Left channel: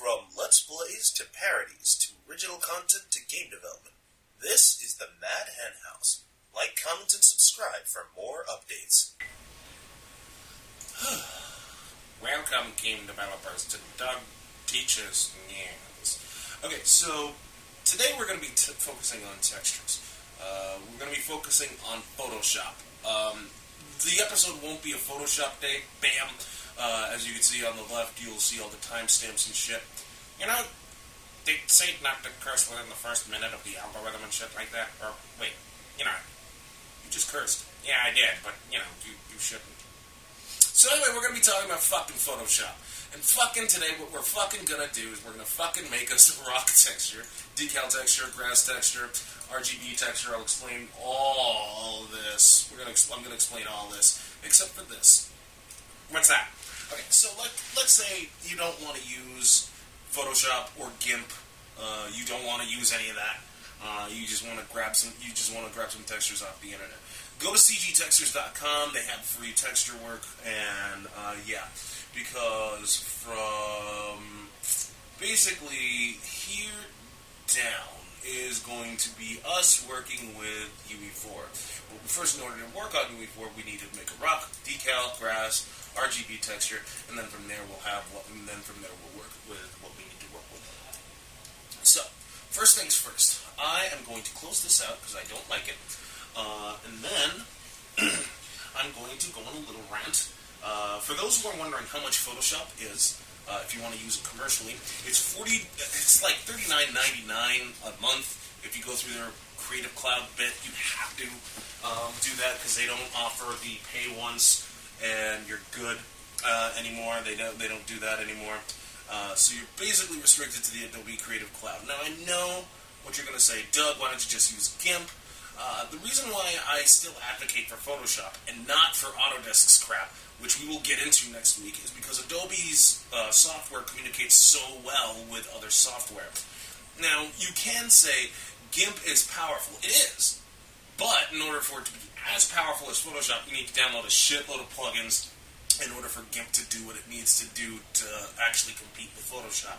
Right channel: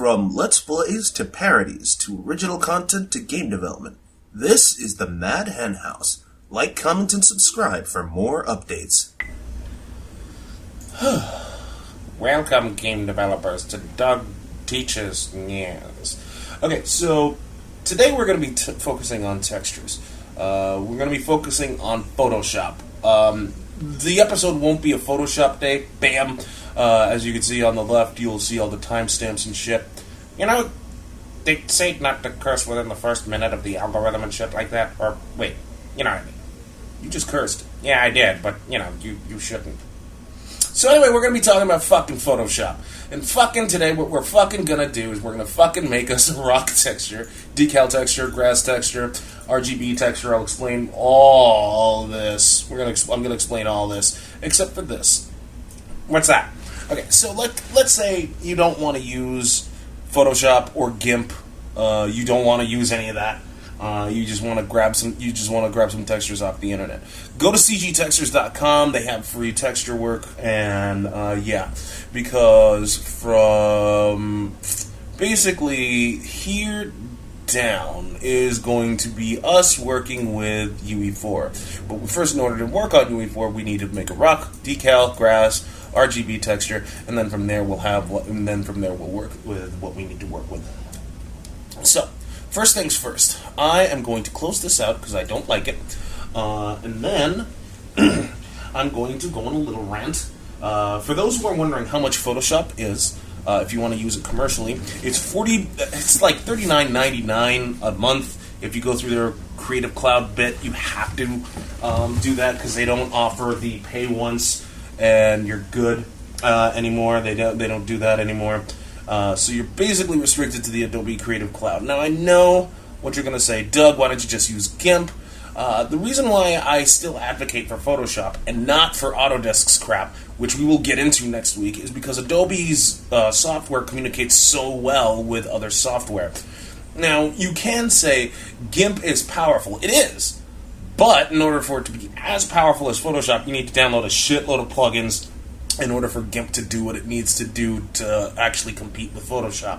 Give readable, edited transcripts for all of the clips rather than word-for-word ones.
From Let's Plays to parodies to original content to game development, this is the Mad Hen House. Like, comment, and subscribe for more updates. Welcome, game developers, to Doug Teaches News. Okay, so today we're going to be focusing on textures. We're going to be focusing on Photoshop. The episode won't be a Photoshop day. Bam! As you can see on the left, you'll see all the timestamps and shit. You know, they say not to curse within the first minute of the algorithm and shit like that. Or, wait, you know what I mean. You just cursed. Yeah, I did, but, you know, you shouldn't. So anyway, we're going to be talking about fucking Photoshop. And fucking today, what we're fucking going to do is we're going to fucking make us a rock texture, decal texture, grass texture, RGB texture. I'll explain all this. I'm going to explain all this, except for this. What's that? Okay, so let's say you don't want to use Photoshop or GIMP. You don't want to use any of that. You just want to grab some textures off the internet. Go to cgtextures.com. They have free texture work, and yeah, because from basically here down is going to be us working with UE4. But first, in order to work on UE4, we need to make a rock, decal, grass, RGB texture, and then from there we'll work with what we need to work with. So, first things first, I am going to close this out because I don't like it, and then I'm going to go on a little rant. For those who are wondering how much Photoshop is, if you want to use it commercially, it's like $39.99 a month. If you go through their Creative Cloud bit, you have to do that because they don't offer the pay once and you're good anymore. They don't do that anymore. So you're basically restricted to the Adobe Creative Cloud. Now I know what you're going to say, Doug, why don't you just use GIMP? The reason why I still advocate for Photoshop and not for Autodesk's crap, which we will get into next week, is because Adobe's software communicates so well with other software. Now, you can say GIMP is powerful. It is. But in order for it to be as powerful as Photoshop, you need to download a shitload of plugins in order for GIMP to do what it needs to do to actually compete with Photoshop.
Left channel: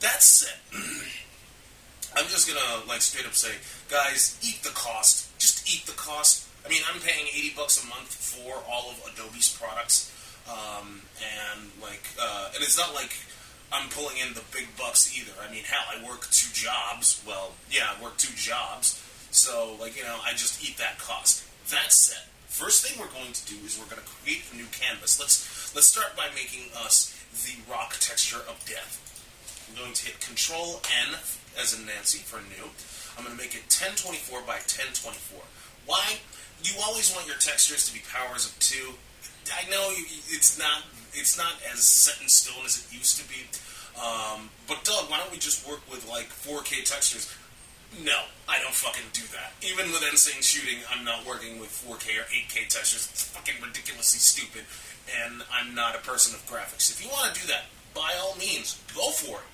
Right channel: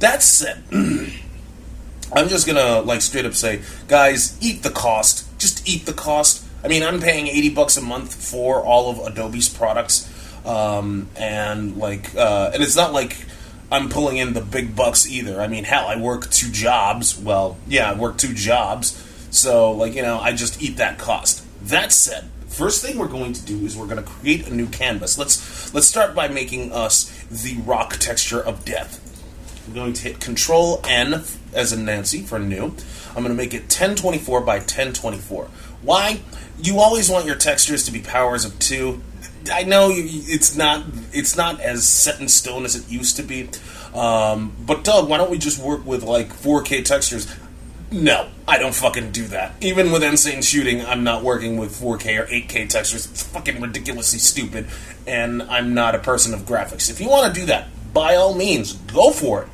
That said, I'm just gonna straight up say, guys, eat the cost. Just eat the cost. I mean, I'm paying $80 a month for all of Adobe's products, and it's not like I'm pulling in the big bucks either. I mean, hell, I work 2 jobs. Well, yeah, I work 2 jobs. So, I just eat that cost. That said, first thing we're going to do is we're going to create a new canvas. Let's start by making us the rock texture of death. I'm going to hit Control-N as in Nancy for new. I'm going to make it 1024 by 1024. Why? You always want your textures to be powers of 2. I know it's not as set in stone as it used to be. But Doug, why don't we just work with 4K textures? No, I don't fucking do that. Even with Insane Shooting, I'm not working with 4K or 8K textures. It's fucking ridiculously stupid, and I'm not a person of graphics. If you want to do that, by all means, go for it.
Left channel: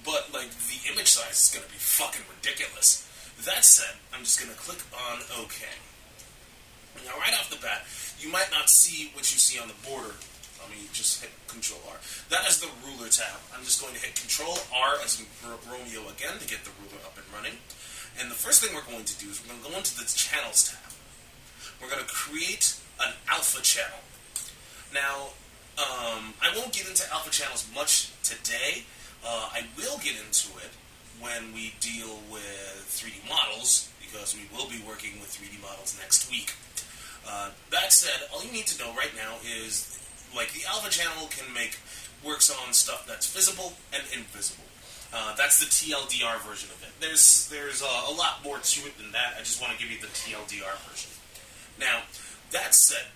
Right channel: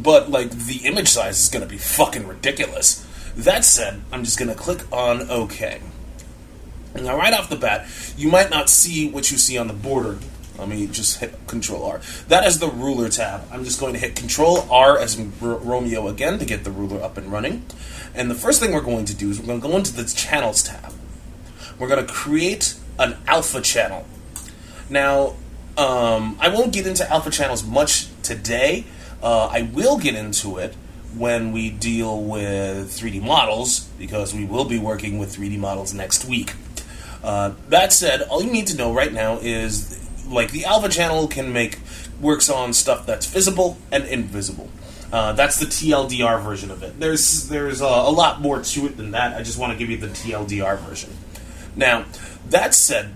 But, the image size is going to be fucking ridiculous. That said, I'm just going to click on OK. Now, right off the bat, you might not see what you see on the border. Let me just hit Control-R. That is the Ruler tab. I'm just going to hit Control-R as in Romeo again to get the ruler up and running. And the first thing we're going to do is we're going to go into the Channels tab. We're going to create an alpha channel. Now, I won't get into alpha channels much today. I will get into it when we deal with 3D models, because we will be working with 3D models next week. That said, all you need to know right now is the alpha channel works on stuff that's visible and invisible. That's the TLDR version of it. There's a lot more to it than that. I just want to give you the TLDR version. Now, that said,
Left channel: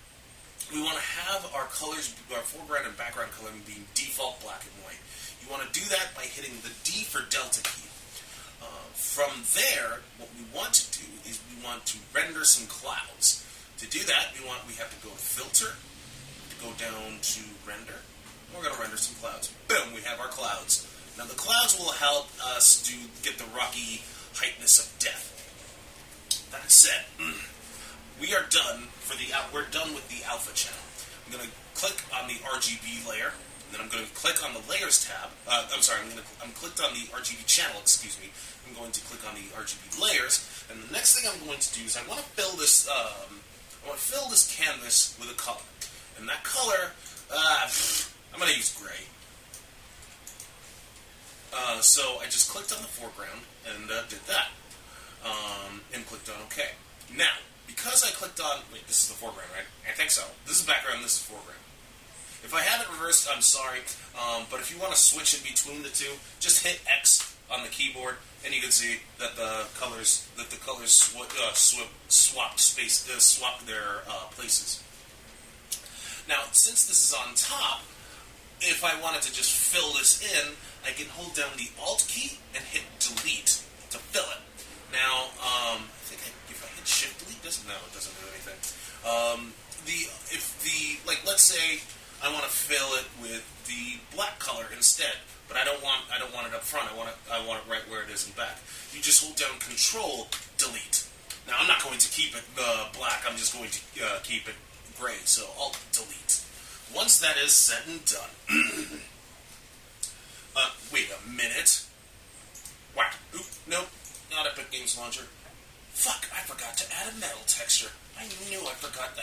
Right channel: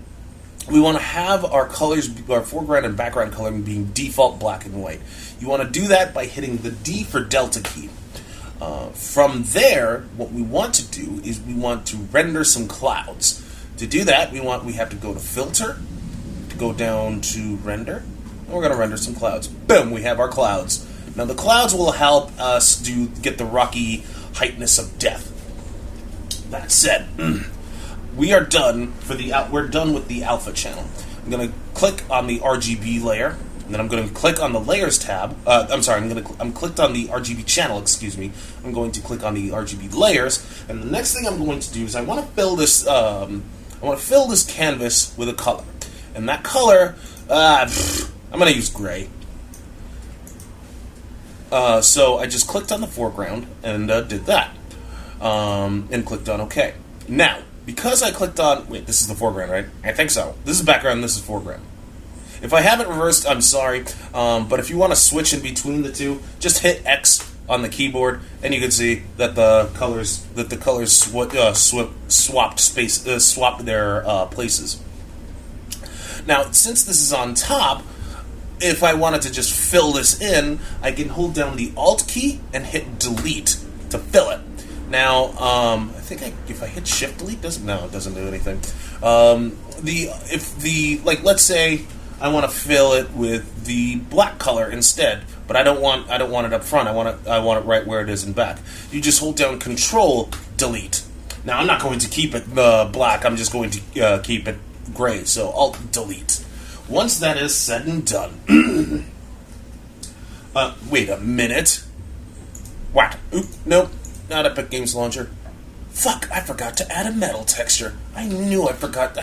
we want to have our colors, our foreground and background coloring being default black and white. You want to do that by hitting the D for Delta key. From there, what we want to do is we want to render some clouds. To do that, we have to go to Filter, go down to Render, and we're going to render some clouds. Boom, we have our clouds. Now the clouds will help us get the rocky heightness of death. That said, we're done with the alpha channel. I'm going to click on the RGB layer, And then I'm going to click on the Layers tab. I'm clicked on the RGB channel, excuse me. I'm going to click on the RGB layers, and the next thing I'm going to do is I want to fill this. I want to fill this canvas with a color, and that color, I'm going to use gray. So I just clicked on the foreground and did that, and clicked on OK. Now, because I clicked on, wait, this is the foreground, right? I think so. This is background. This is foreground. If I have it reversed, I'm sorry, but if you want to switch in between the two, just hit X on the keyboard, and you can see that the colors swapped their places. Now, since this is on top, if I wanted to just fill this in, I can hold down the Alt key and hit Delete to fill it. Now, I think if I hit Shift Delete, it doesn't do anything. Let's say I want to fill it with the black color instead, but I don't want it up front. I want it right where it is in back. You just hold down Control Delete. Now I'm not going to keep it black. I'm just going to keep it gray. So Alt Delete. Once that is said and done, wait a minute. What? Oop, nope, not Epic Games Launcher. Fuck! I forgot to add a metal texture. I knew that.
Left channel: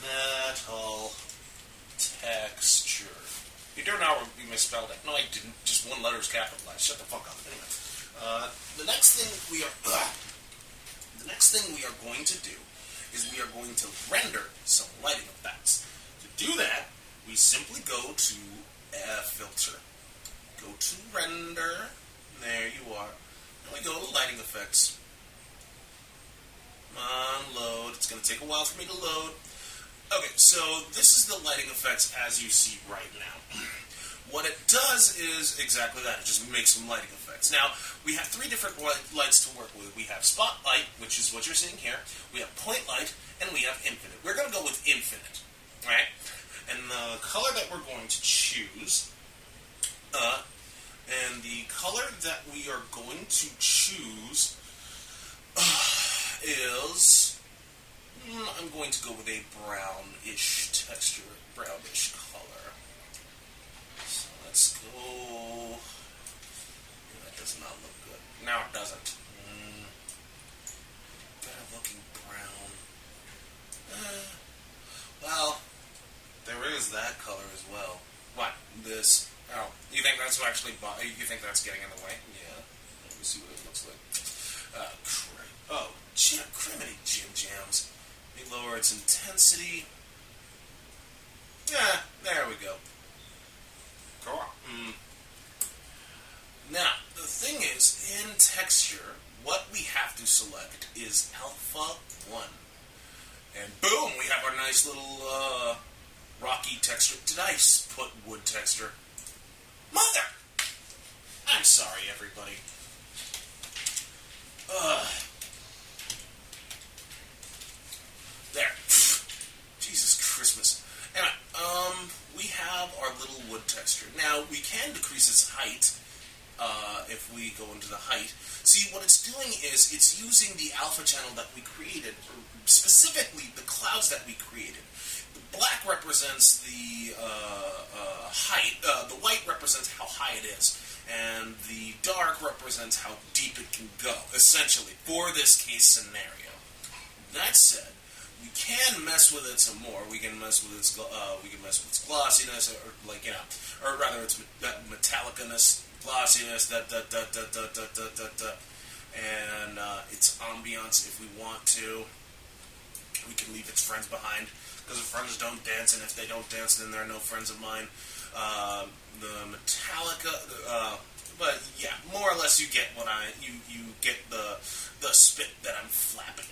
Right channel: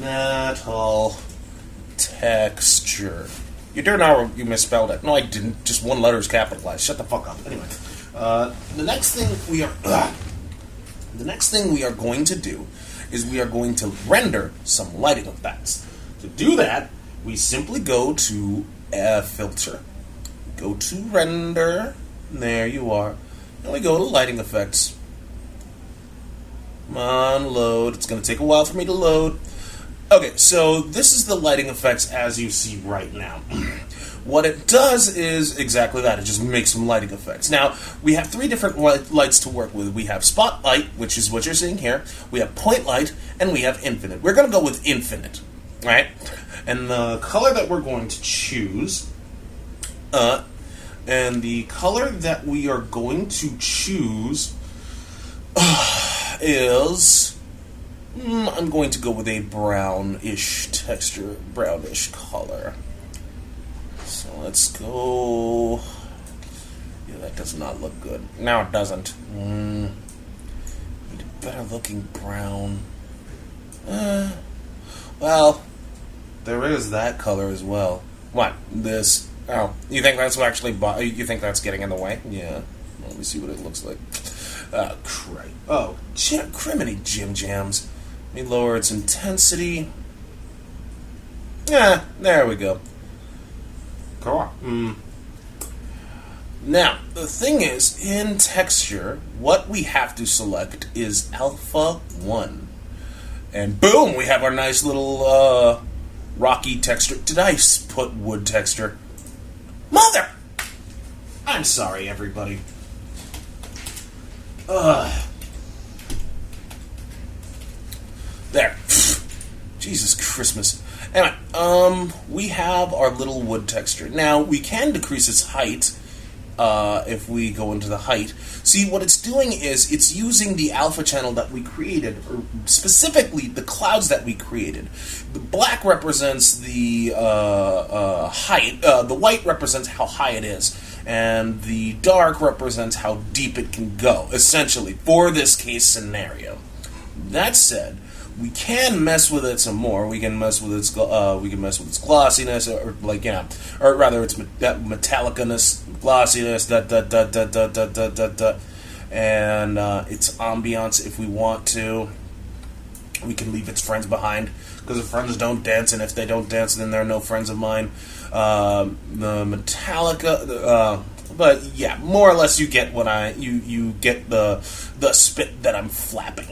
Metal texture. You don't know you misspelled it. No, I didn't. Just one letter is capitalized. Shut the fuck up. Anyway, the next thing we are going to do is we are going to render some lighting effects. To do that, we simply go to Filter, go to Render. There you are. And we go to Lighting Effects. Come on, load. It's going to take a while for me to load. Okay, so this is the lighting effects as you see right now. What it does is exactly that. It just makes some lighting effects. Now, we have three different lights to work with. We have Spotlight, which is what you're seeing here. We have Point Light, and we have Infinite. We're going to go with Infinite, right? And the color that we're going to choose, is... I'm going to go with a brownish texture, brownish color. So let's go... Yeah, that does not look good. No, it doesn't. Need a better looking brown. Well, there is that color as well. What? This? Oh, you think that's actually... You think that's getting in the way? Yeah. Let me see what it looks like. Crap. Oh, criminy Jim Jams. Let me lower its intensity. Yeah, there we go. Cool. Now, the thing is, in texture, what we have to select is Alpha 1. And boom, we have our nice little rocky texture. Did I put wood texture? Mother! I'm sorry, everybody. There. Jesus Christmas. Anyway, we have our little wood texture. Now, we can decrease its height if we go into the height. See, what it's doing is it's using the alpha channel that we created, or specifically the clouds that we created. The black represents the height. The white represents how high it is. And the dark represents how deep it can go, essentially, for this case scenario. That said, we can mess with it some more. We can mess with its glossiness, or rather its metallicness, glossiness, and its ambiance if we want to. We can leave its friends behind, because if friends don't dance, and if they don't dance, then they're no friends of mine. The Metallica, but yeah, more or less you get what you get the spit that I'm flapping.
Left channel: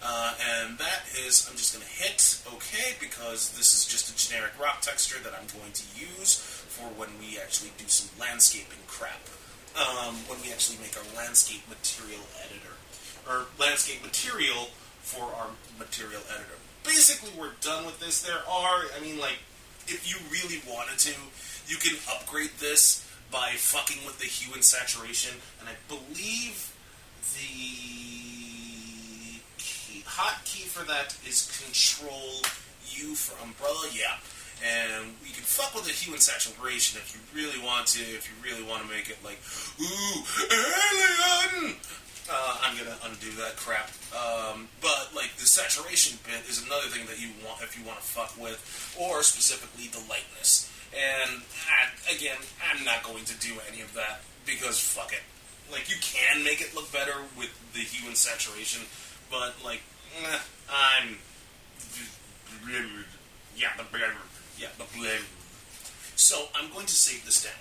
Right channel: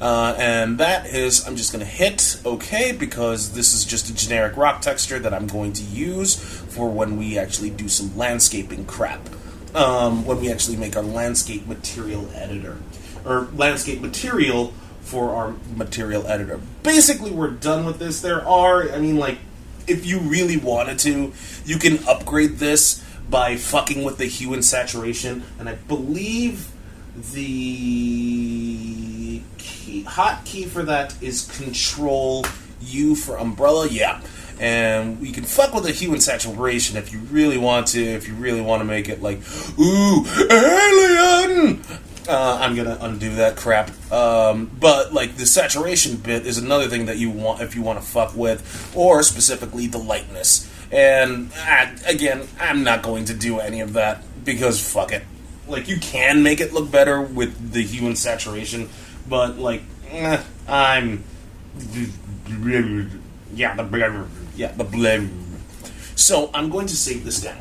And that is, I'm just going to hit OK, because this is just a generic rock texture that I'm going to use for when we actually do some landscaping crap. When we actually make our landscape material editor. Or landscape material for our material editor. Basically, we're done with this. If you really wanted to, you can upgrade this by fucking with the hue and saturation. And I believe the hotkey for that is Control U for umbrella, yeah. And we can fuck with the hue and saturation if you really want to. If you really want to make it like, ooh, alien. I'm gonna undo that crap. But like the saturation bit is another thing that you want if you want to fuck with, or specifically the lightness. And again, I'm not going to do any of that because fuck it. Like you can make it look better with the hue and saturation, but like I'm the blur. So I'm going to save this down.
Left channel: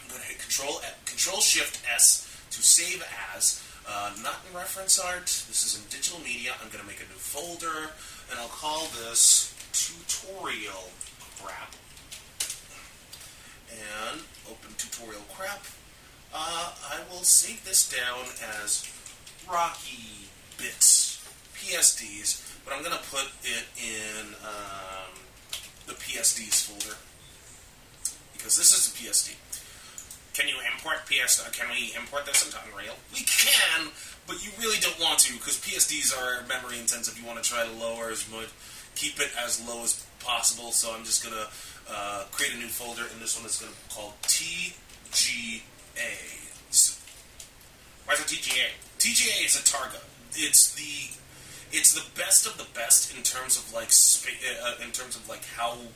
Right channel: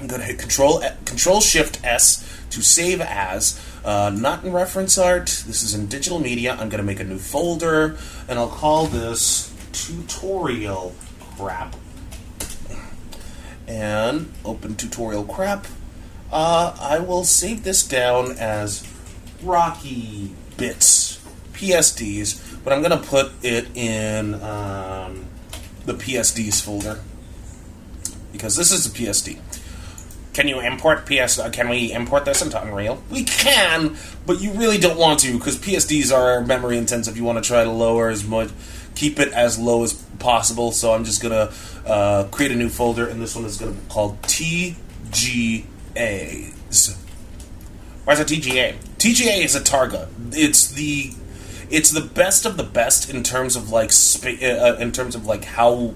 I'm going to hit Control Shift S to save as. Not in reference art. This is in digital media. I'm going to make a new folder, and I'll call this tutorial crap. And open tutorial crap. I will save this down as Rocky Bits PSDs, but I'm going to put it in the PSDs folder because this is a PSD. Can you import Can we import this into Unreal? We can, but you really don't want to because PSDs are memory intensive. You want to try to lower as much, keep it as low as possible. So I'm just gonna create a new folder, and this one is gonna be called TGAs. Why is it TGA? TGA is a Targa. It's the best of the best in terms of like how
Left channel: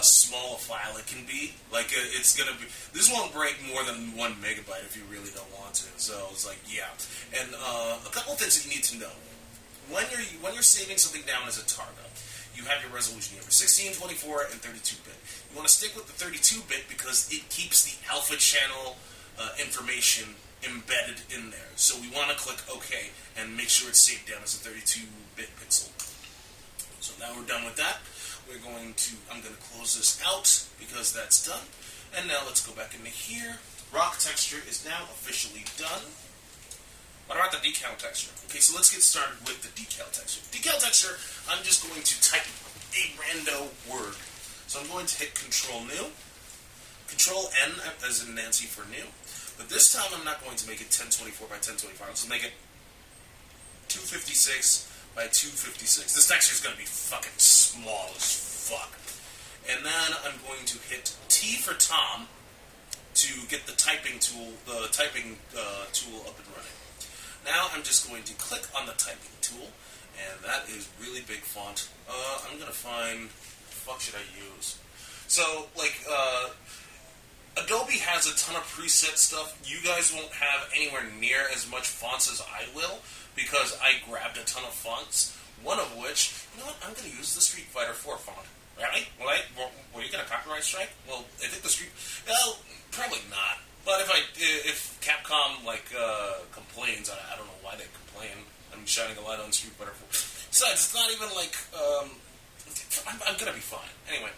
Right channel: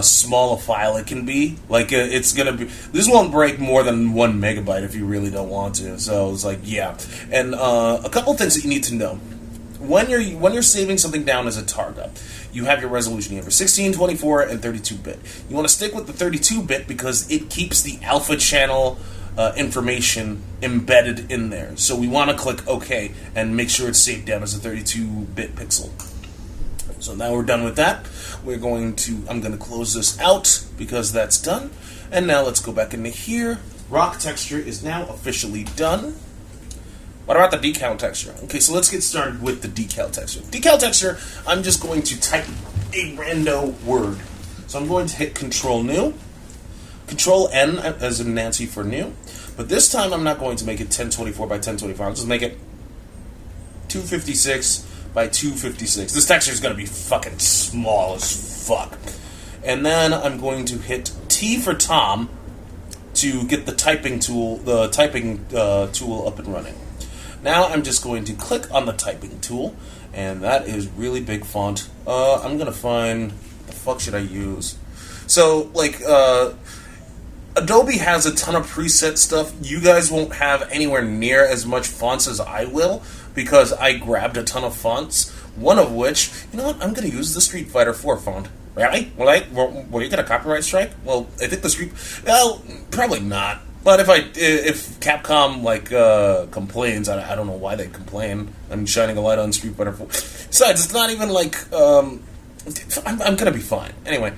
small a file it can be. Like it's gonna be. This won't break more than 1 megabyte if you really don't want to. So it's like yeah. And a couple things that you need to know when you're saving something down as a Targa. You have your resolution. You have your 16, 24, and 32-bit. You want to stick with the 32-bit because it keeps the alpha channel information embedded in there. So we want to click OK and make sure it's saved down as a 32-bit pixel. So now we're done with that. I'm going to close this out because that's done. And now let's go back into here. Rock texture is now officially done. What about the decal texture? Okay, so let's get started with the decal texture. Decal texture, I'm just going to type a rando word. So I'm going to hit Control New. Control N as in Nancy for new. But this time I'm not going to make it 1024 by 1024. I'll just make it 256 by 256. This texture is going to be fucking small as fuck. And then I'm going to hit T for Tom to get the typing tool up and running. Now I'm just going to click on the typing tool, and that is really big font. I'm going to find, what the fuck should I use? So, like, Adobe has a ton of preset stuff. You guys won't have anywhere near as much fonts as I will, because I grabbed a ton of fonts, one of which, you know what, I'm going to use the Street Fighter 4 font. Really? Will you get a copyright strike? Well, I think probably not. But if Capcom complains, I don't know why they complain. I'm shining a light on Street Fighter 4. Besides, it's not even like I'm gonna be fine. Anyway,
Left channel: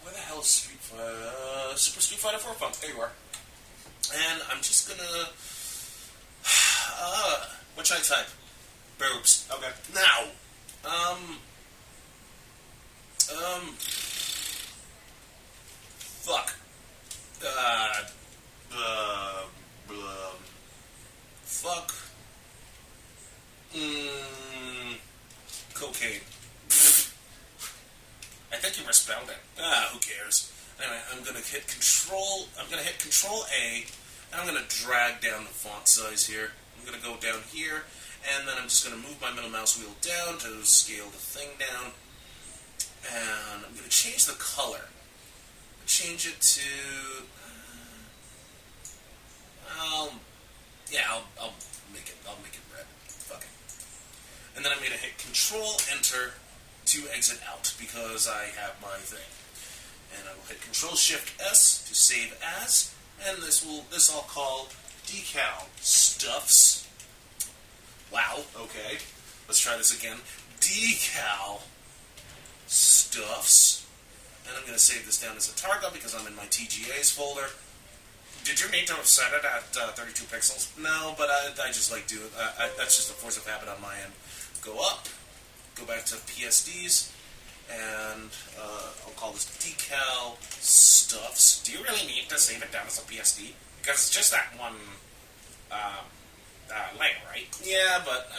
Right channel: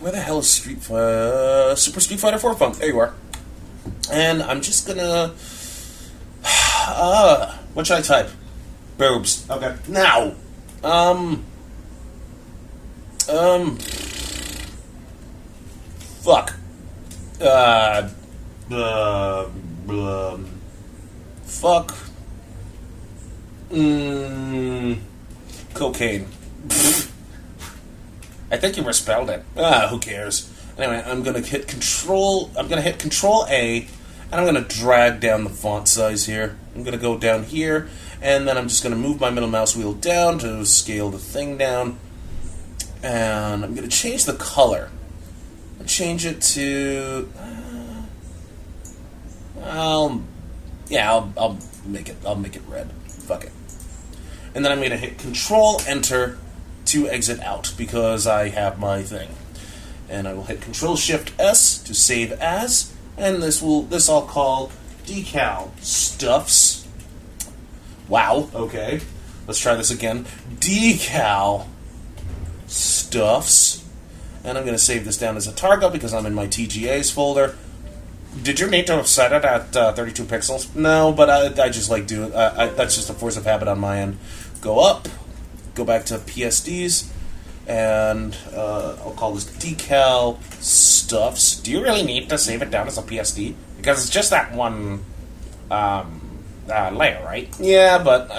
where the hell is Super Street Fighter 4 font? There you are. And I'm just gonna what should I type? Boobs. Okay. Now, fuck. Fuck. Cocaine. I think you misspelled it. Who cares? Anyway, I'm gonna hit Control A, and I'm gonna drag down the font size here. I'm gonna go down here, and then I'm just gonna move my middle mouse wheel down to scale the thing down, and I'm gonna change the color. Change it to I'll make it red. Fuck it. And then I'm gonna hit Control Enter to exit out because I have my thing. And I will hit Control Shift S to save as, and this I'll call Decal Stuffs. Wow, okay. Let's try this again. Decal Stuffs. And I'm going to save this down as a Targa because I'm in my TGAs folder. Did you need to have set it at 32 pixels? No, but I just like do it. That's just a force of habit on my end. Go up, go back to PSDs, and I'll call this Decal Stuffs. Do you really need to save it down as a PSD? Because it's just that one layer, right? Yeah, but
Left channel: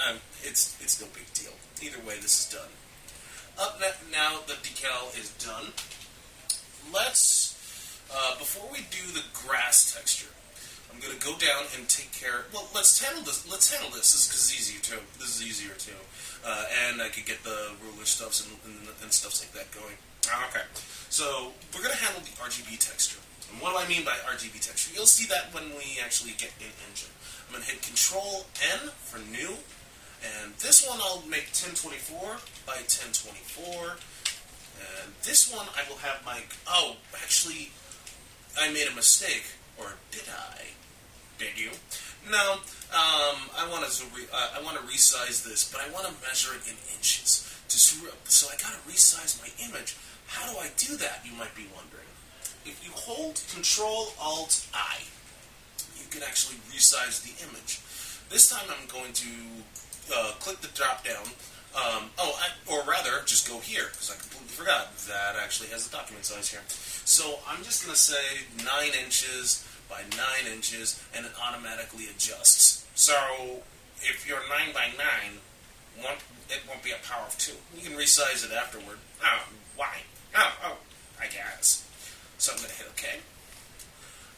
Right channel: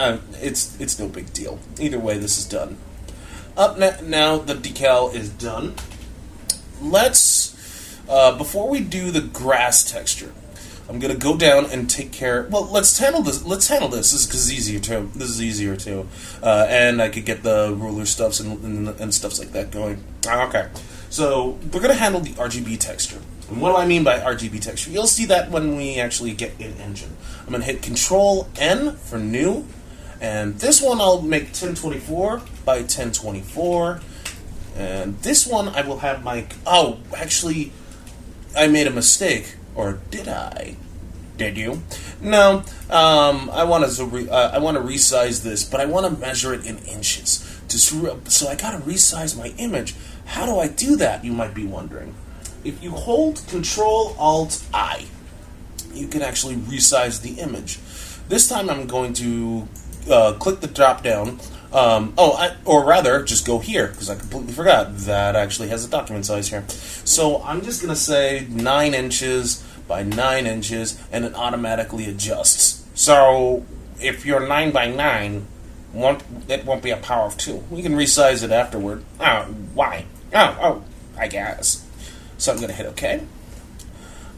it's no big deal. Either way, this is done. Now the decal is done. Let's before we do the grass texture, I'm gonna go down and take care. Well, let's handle this. Let's handle this. This is easier too. This is easier too, and I could get the ruler stuffs and stuffs like that going. Okay, so we're gonna handle the RGB texture. And what do I mean by RGB texture? You'll see that when we actually get in engine. I'm gonna hit Control N for new, and this one I'll make 1024 by 1024, and this one I will have my. Oh, actually, I made a mistake. Or did I? Did you? No. I want to resize this, but I want to measure it in inches. So I gotta resize my image. How do I do that? You might be wondering. If you hold Control Alt I, you can actually resize the image. This time I'm going to click the drop down. Or rather, just go here, because I completely forgot that actually has a document size here. So I'm just going to say 9 inches by 9 inches, and it automatically adjusts. So if you're 9 by 9, it won't be a power of 2. We can resize it afterward. Oh, why? Oh, I guess. So I'm going to hit OK.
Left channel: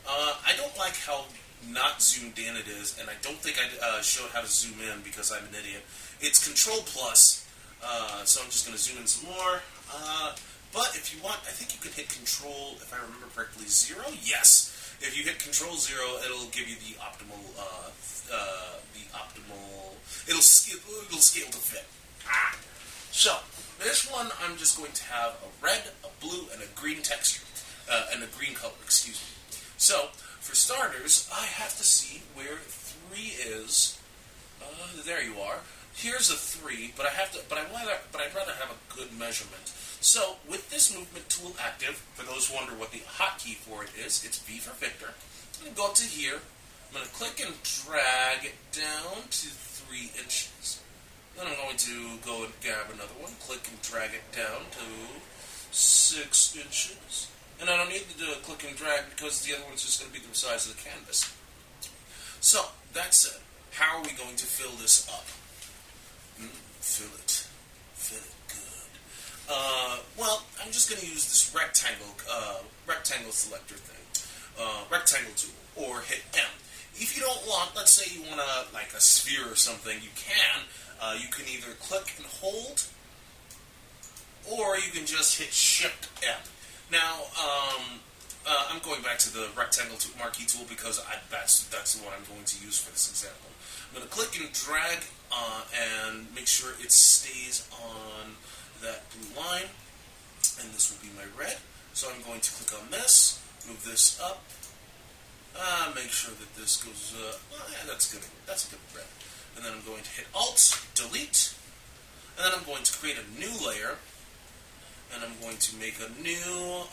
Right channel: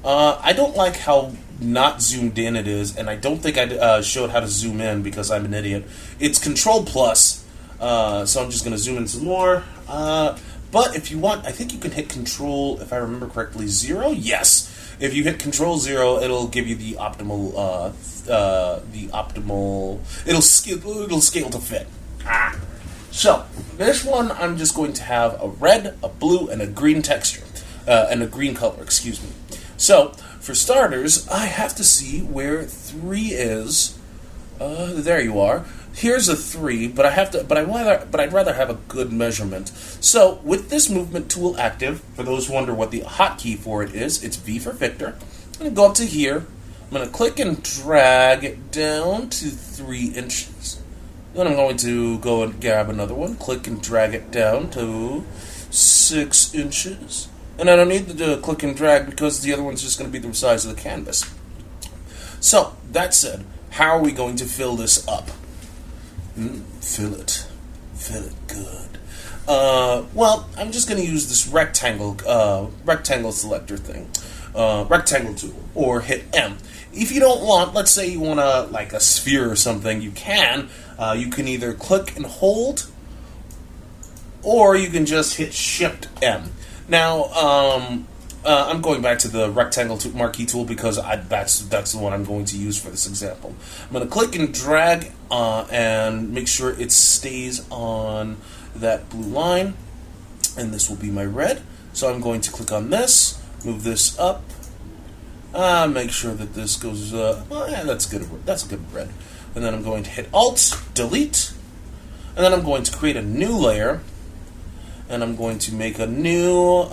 I don't like how not zoomed in it is, and I don't think I showed how to zoom in because I'm an idiot. It's Control Plus, so I'm just going to zoom in some more. But if you want, I think you can hit Control, if I remember correctly, 0. Yes, if you hit Control 0, it'll give you the optimal. It'll scale to fit. So this one, I'm just going to have a red, a blue, and a green texture, and a green color. Excuse me. So, for starters, I have to see where 3 is. There you are. Here's a 3, but I'd rather have a good measurement. So, with this movement tool active, for those who wonder what the hotkey for it is, it's V for Victor. I'm going to go up to here. I'm going to click and drag it down to 3 inches. Then I'm going to go and grab another one, click and drag it down to 6 inches. And I don't need to click and drag because the other one's just going to be the size of the canvas. So, that said, how are we going to fill this up? Fill it good. Well, I'm just going to use this rectangle selector thing, rectangle tool, or hit M. If you don't want, let's say you want like a sphere or something, you can either click and hold, or you can just hit Shift M. Now, I'm going back to the rectangle marquee tool because that's the one I'm going to use for this example. I'm going to click and drag and make sure it stays on that blue line, and this will be my red. So I'm going to click on this, move this up, make sure that this goes. That's good. That's a good red. And then I'm going to hit Alt, Delete, and then I'm going to create a new layer. And I'm going to make a new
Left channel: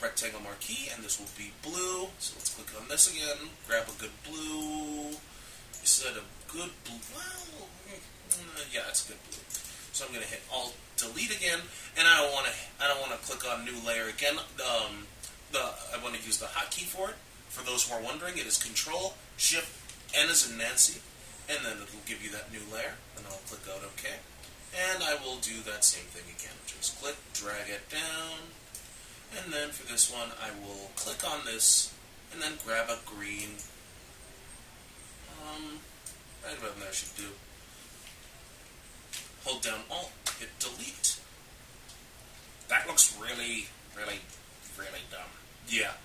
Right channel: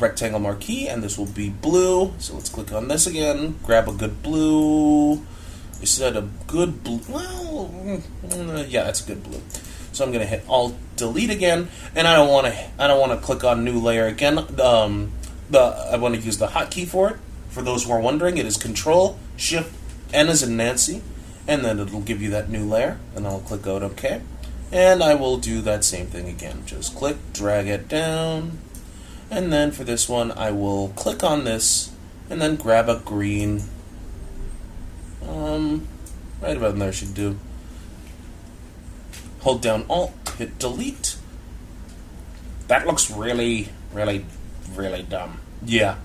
rectangle marquee, and this will be blue. So let's click on this again, grab a good blue. You said a good blue. Well, yeah, that's a good blue. So I'm going to hit Alt Delete again, and I don't want to click on new layer again. I want to use the hotkey for it. For those who are wondering, it is Control Shift N as in Nancy, and then it'll give you that new layer. And I'll click out OK. And I will do that same thing again. Just click, drag it down. And then for this one, I will click on this and then grab a green. Right about there should do. Hold down Alt, hit Delete. That looks really, really, really dumb. Yeah,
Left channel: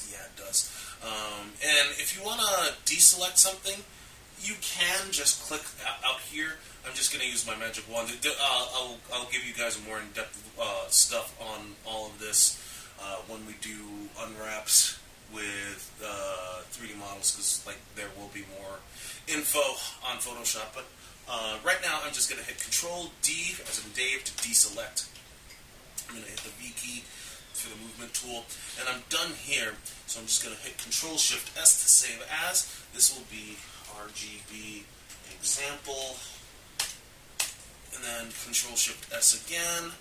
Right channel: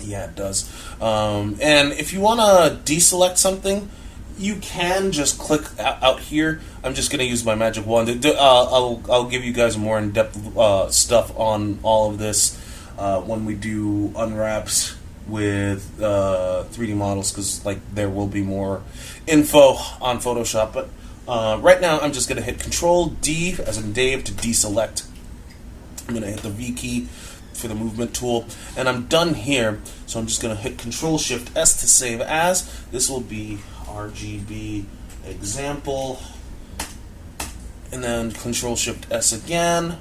it does. And if you want to deselect something, you can just click out here. I'm just going to use my magic wand. I'll give you guys more in-depth stuff on all of this when we do unwraps with 3D models, because there will be more info on Photoshop. But right now, I'm just going to hit Control D as in Dave to deselect. I'm going to hit the V key for the movement tool, and I'm done here. So I'm just going to hit Control Shift S to save as. This will be RGB example, and then Control Shift S again.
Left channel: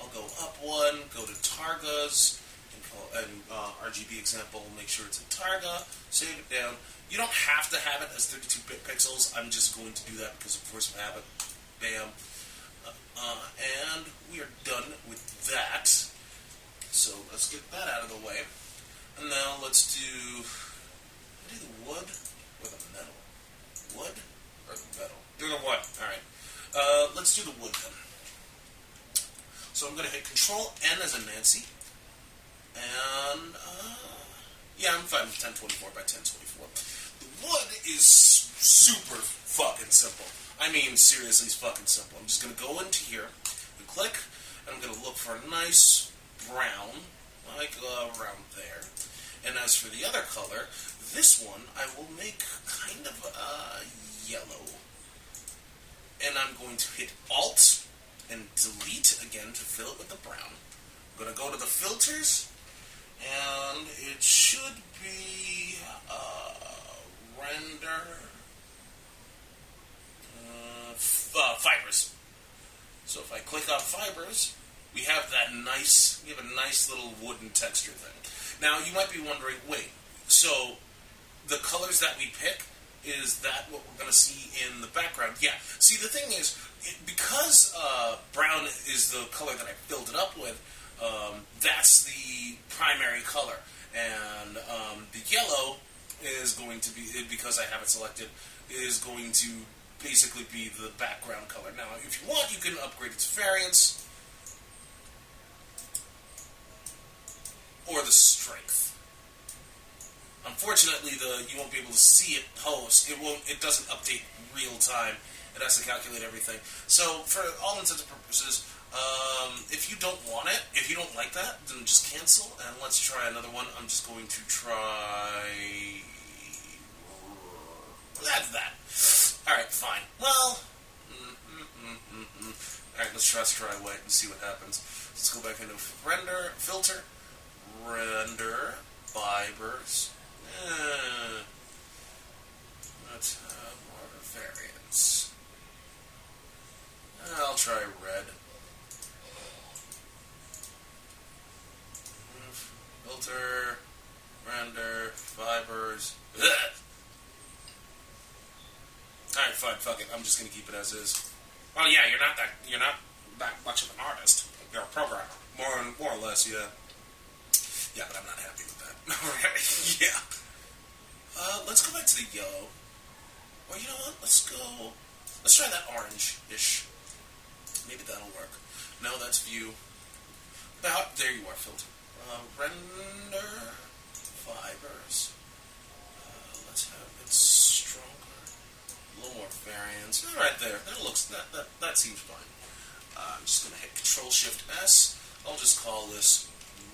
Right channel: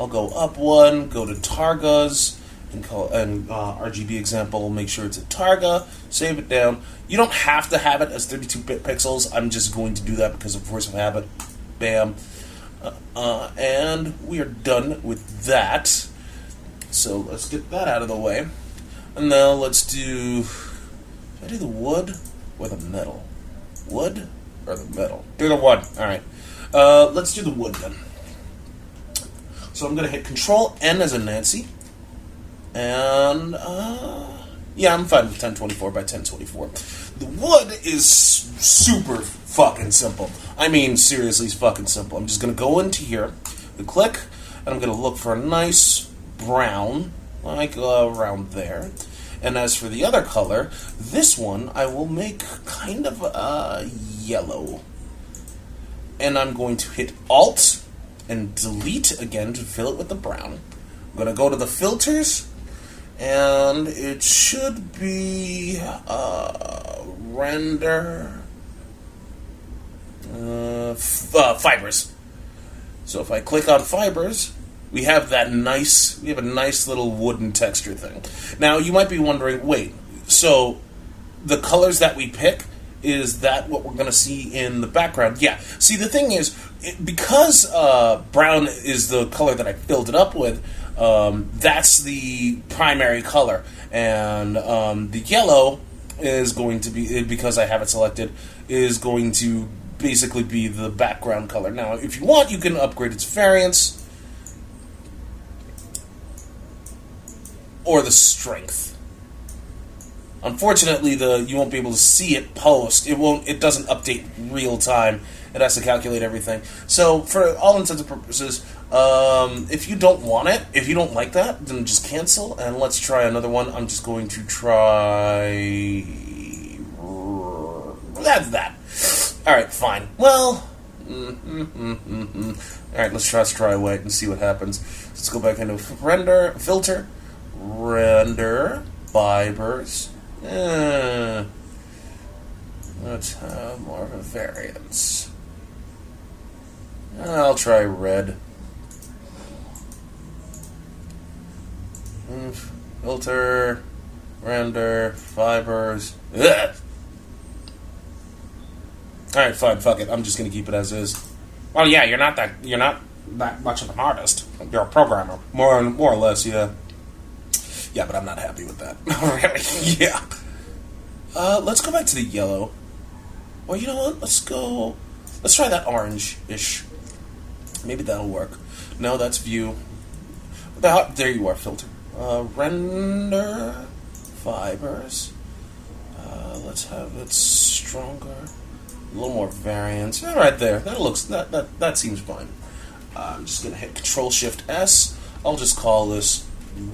I'll go up one, go to Targas, and call and RGB example. Make sure it's a Targa. Save it down. You don't have to have it as 32-bit pixels. I'm just going to do that because of force of habit. Bam. And we are done with that. So let's get that out of the way. And now let's do... Should I do the wood or the metal? Wood or the metal? Do the wood. Alright. Let's do the wood then. So I'm going to hit Control N as in Nancy. And, yeah, I'm fine with 1024 by 1024. The wood is super fucking simple. I mean, seriously, it's fucking simple. I'm just going to go into here, click, and I'm going to look for a nice brown, like around there. And as for the other color, this one I will make kind of yellow. And I'm going to hit Alt and delete again to fill it with the brown. I'm going to go to the filters, and it should be render fibers. So if I click on fibers, we have a nice little wooden texture thing. Now you might be wondering, wait, so the colors that we pick, is that what we're going to see in the background? Yeah. See, the thing is, because brown is the color that I filled it up with, that's the primary color. And the yellow is going to be, because I have it selected, is going to basically be the background color. Now, if you want, you can upgrade its variance or the strength. Unfortunately, you won't be able to see it post. It doesn't update real time. It has to calculate everything. So, for all intents and purposes, if you don't want it, if you don't like that, then just cancel, and let's try another one. I'm just going to try... That's that. Alright, fine. Well... Alright, let's try white and see what happens. Let's go back into render, filter, render, fibers. Let's have more of a variance. I'll try red. Filter, render, fibers. Ugh. Alright, fine, fuck it. I'm just gonna keep it as is. Well, yeah, you're not that much of an artist. You're a programmer. More or less, yeah. Yeah, but I'm not happy with that. Really? Yeah. Let's go back to the yellow. Or you know what? Let's try that orange-ish. Maybe that'll work. No, that's view. There you are, filter. Render fibers. Let's have it stronger. A little more variance. Yeah, right there. That seems fine. I'm just gonna hit Control-Shift-S. I'll just call this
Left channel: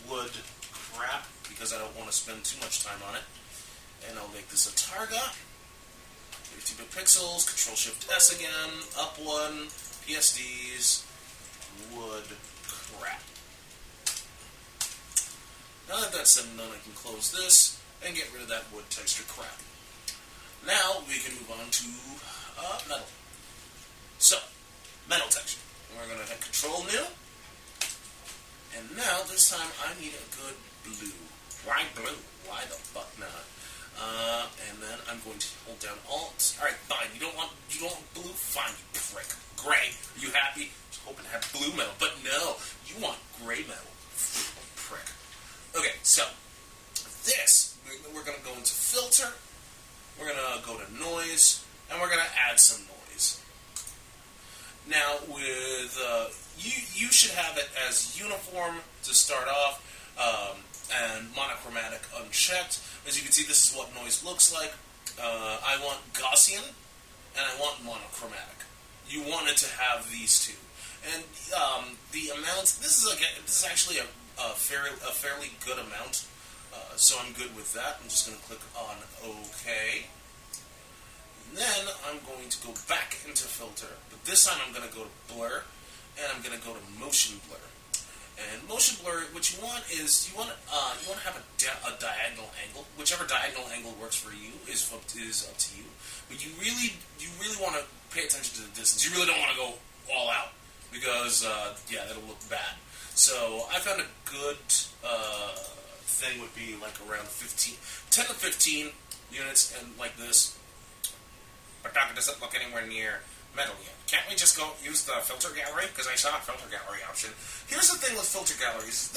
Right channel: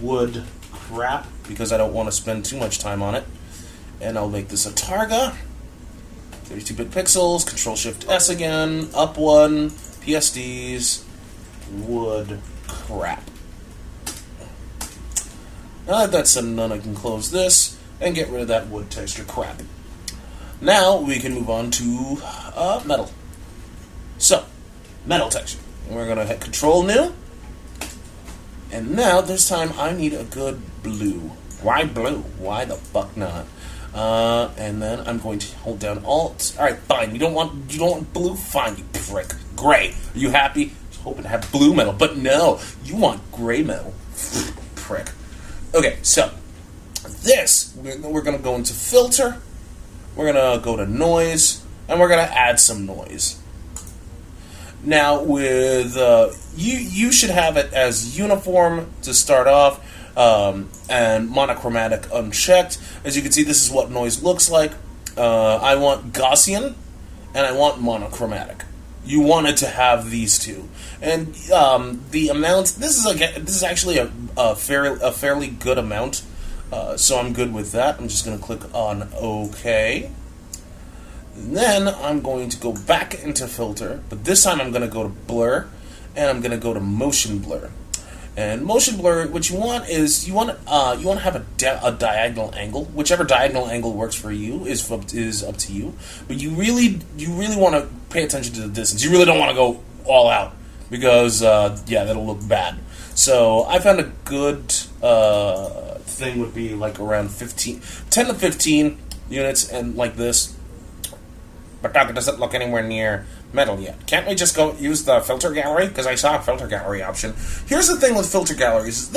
wood crap because I don't want to spend too much time on it. And I'll make this a Targa. 32-bit pixels. Control-Shift-S again. Up one. PSDs. Wood crap. Now that that's done, I can close this and get rid of that wood texture crap. Now we can move on to metal. So, metal texture. And we're going to hit Control New. And now, this time, I need a good blue. Why blue? Why the fuck not? And then I'm going to hold down Alt. Alright, fine. You don't want blue? Fine, you prick. Gray. Are you happy? I was hoping to have blue metal, but no. You want gray metal. Prick. Okay, so, this, we're going to go into Filter. We're going to go to Noise. And we're going to add some noise. Now, with you should have it as uniform to start off, and monochromatic unchecked. As you can see, this is what noise looks like. I want Gaussian, and I want monochromatic. You wanted to have these two, and the amount. This is actually a fairly good amount, so I'm good with that. I'm just going to click on OK. And then I'm going to go back into Filter, but this time I'm going to go to Blur, and I'm going to go to Motion Blur. And Motion Blur, what you want is you want to have a diagonal angle. Whichever diagonal angle works for you is up to you. But you really want to pay attention to the distance. You really don't want to go all out because yeah, that'll look bad. So I found a good thing would be like around 10 to 15 units, and like this. But Doug, it doesn't look anywhere near metal yet. Can't we just go use the filter gallery? Because I saw a filter gallery option. Here's the thing with filter galleries.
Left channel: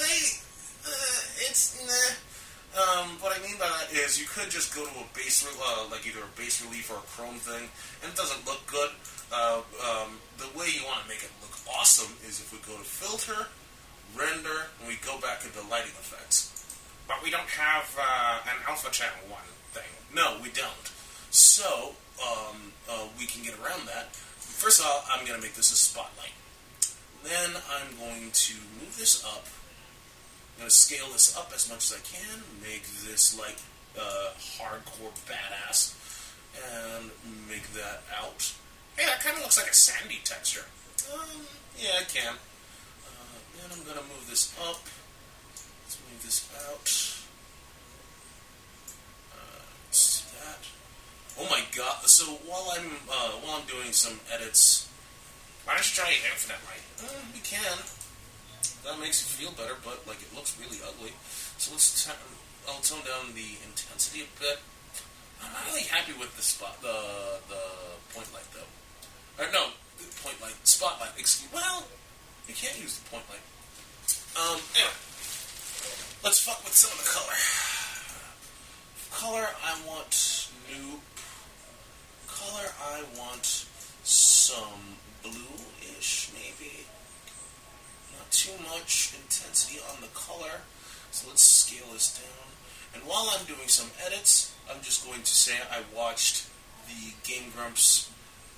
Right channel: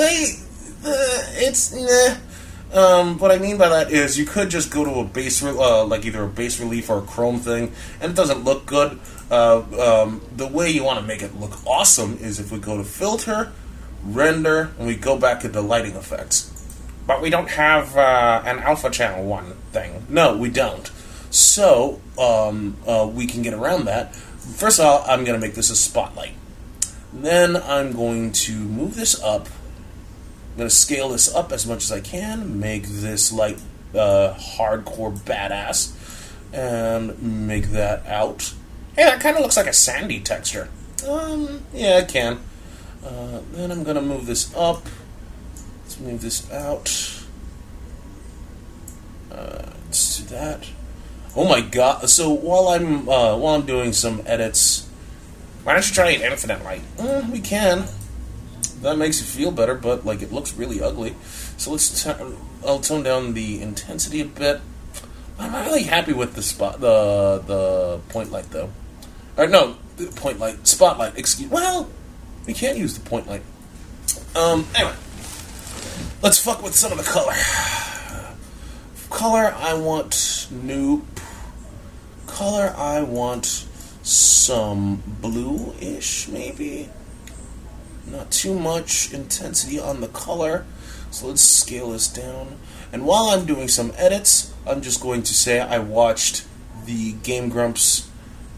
What I mean by that is you could just go to a base, like either a base relief or a chrome thing, and it doesn't look good. The way you want to make it look awesome is if we go to filter, render, and we go back into lighting effects. But we don't have an alpha channel 1 thing. No, we don't. So, we can get around that. First of all, I'm going to make this a spotlight. Then I'm going to move this up. I'm going to scale this up as much as I can. Make this like hardcore badass. And make that out. Hey, that kind of looks like a sandy texture. Yeah, I can. Then I'm going to move this up. Let's move this out. Let's do that. Oh my god! So while I'm doing some edits, why don't you try an infinite light? We can. That makes you feel better, but like it looks really ugly. So I'll tone down the intensity a bit. I'm really happy with the point light though. No, the point light, spotlight. Well, we can't use the point light. Anyway, let's fuck with some of the color. Color, I want nope. Color, I want some blue-ish, maybe. Not too much intensity on the color. So let's scale this down. And while I'm doing some edits, I'm just going to say I watched the Game Grumps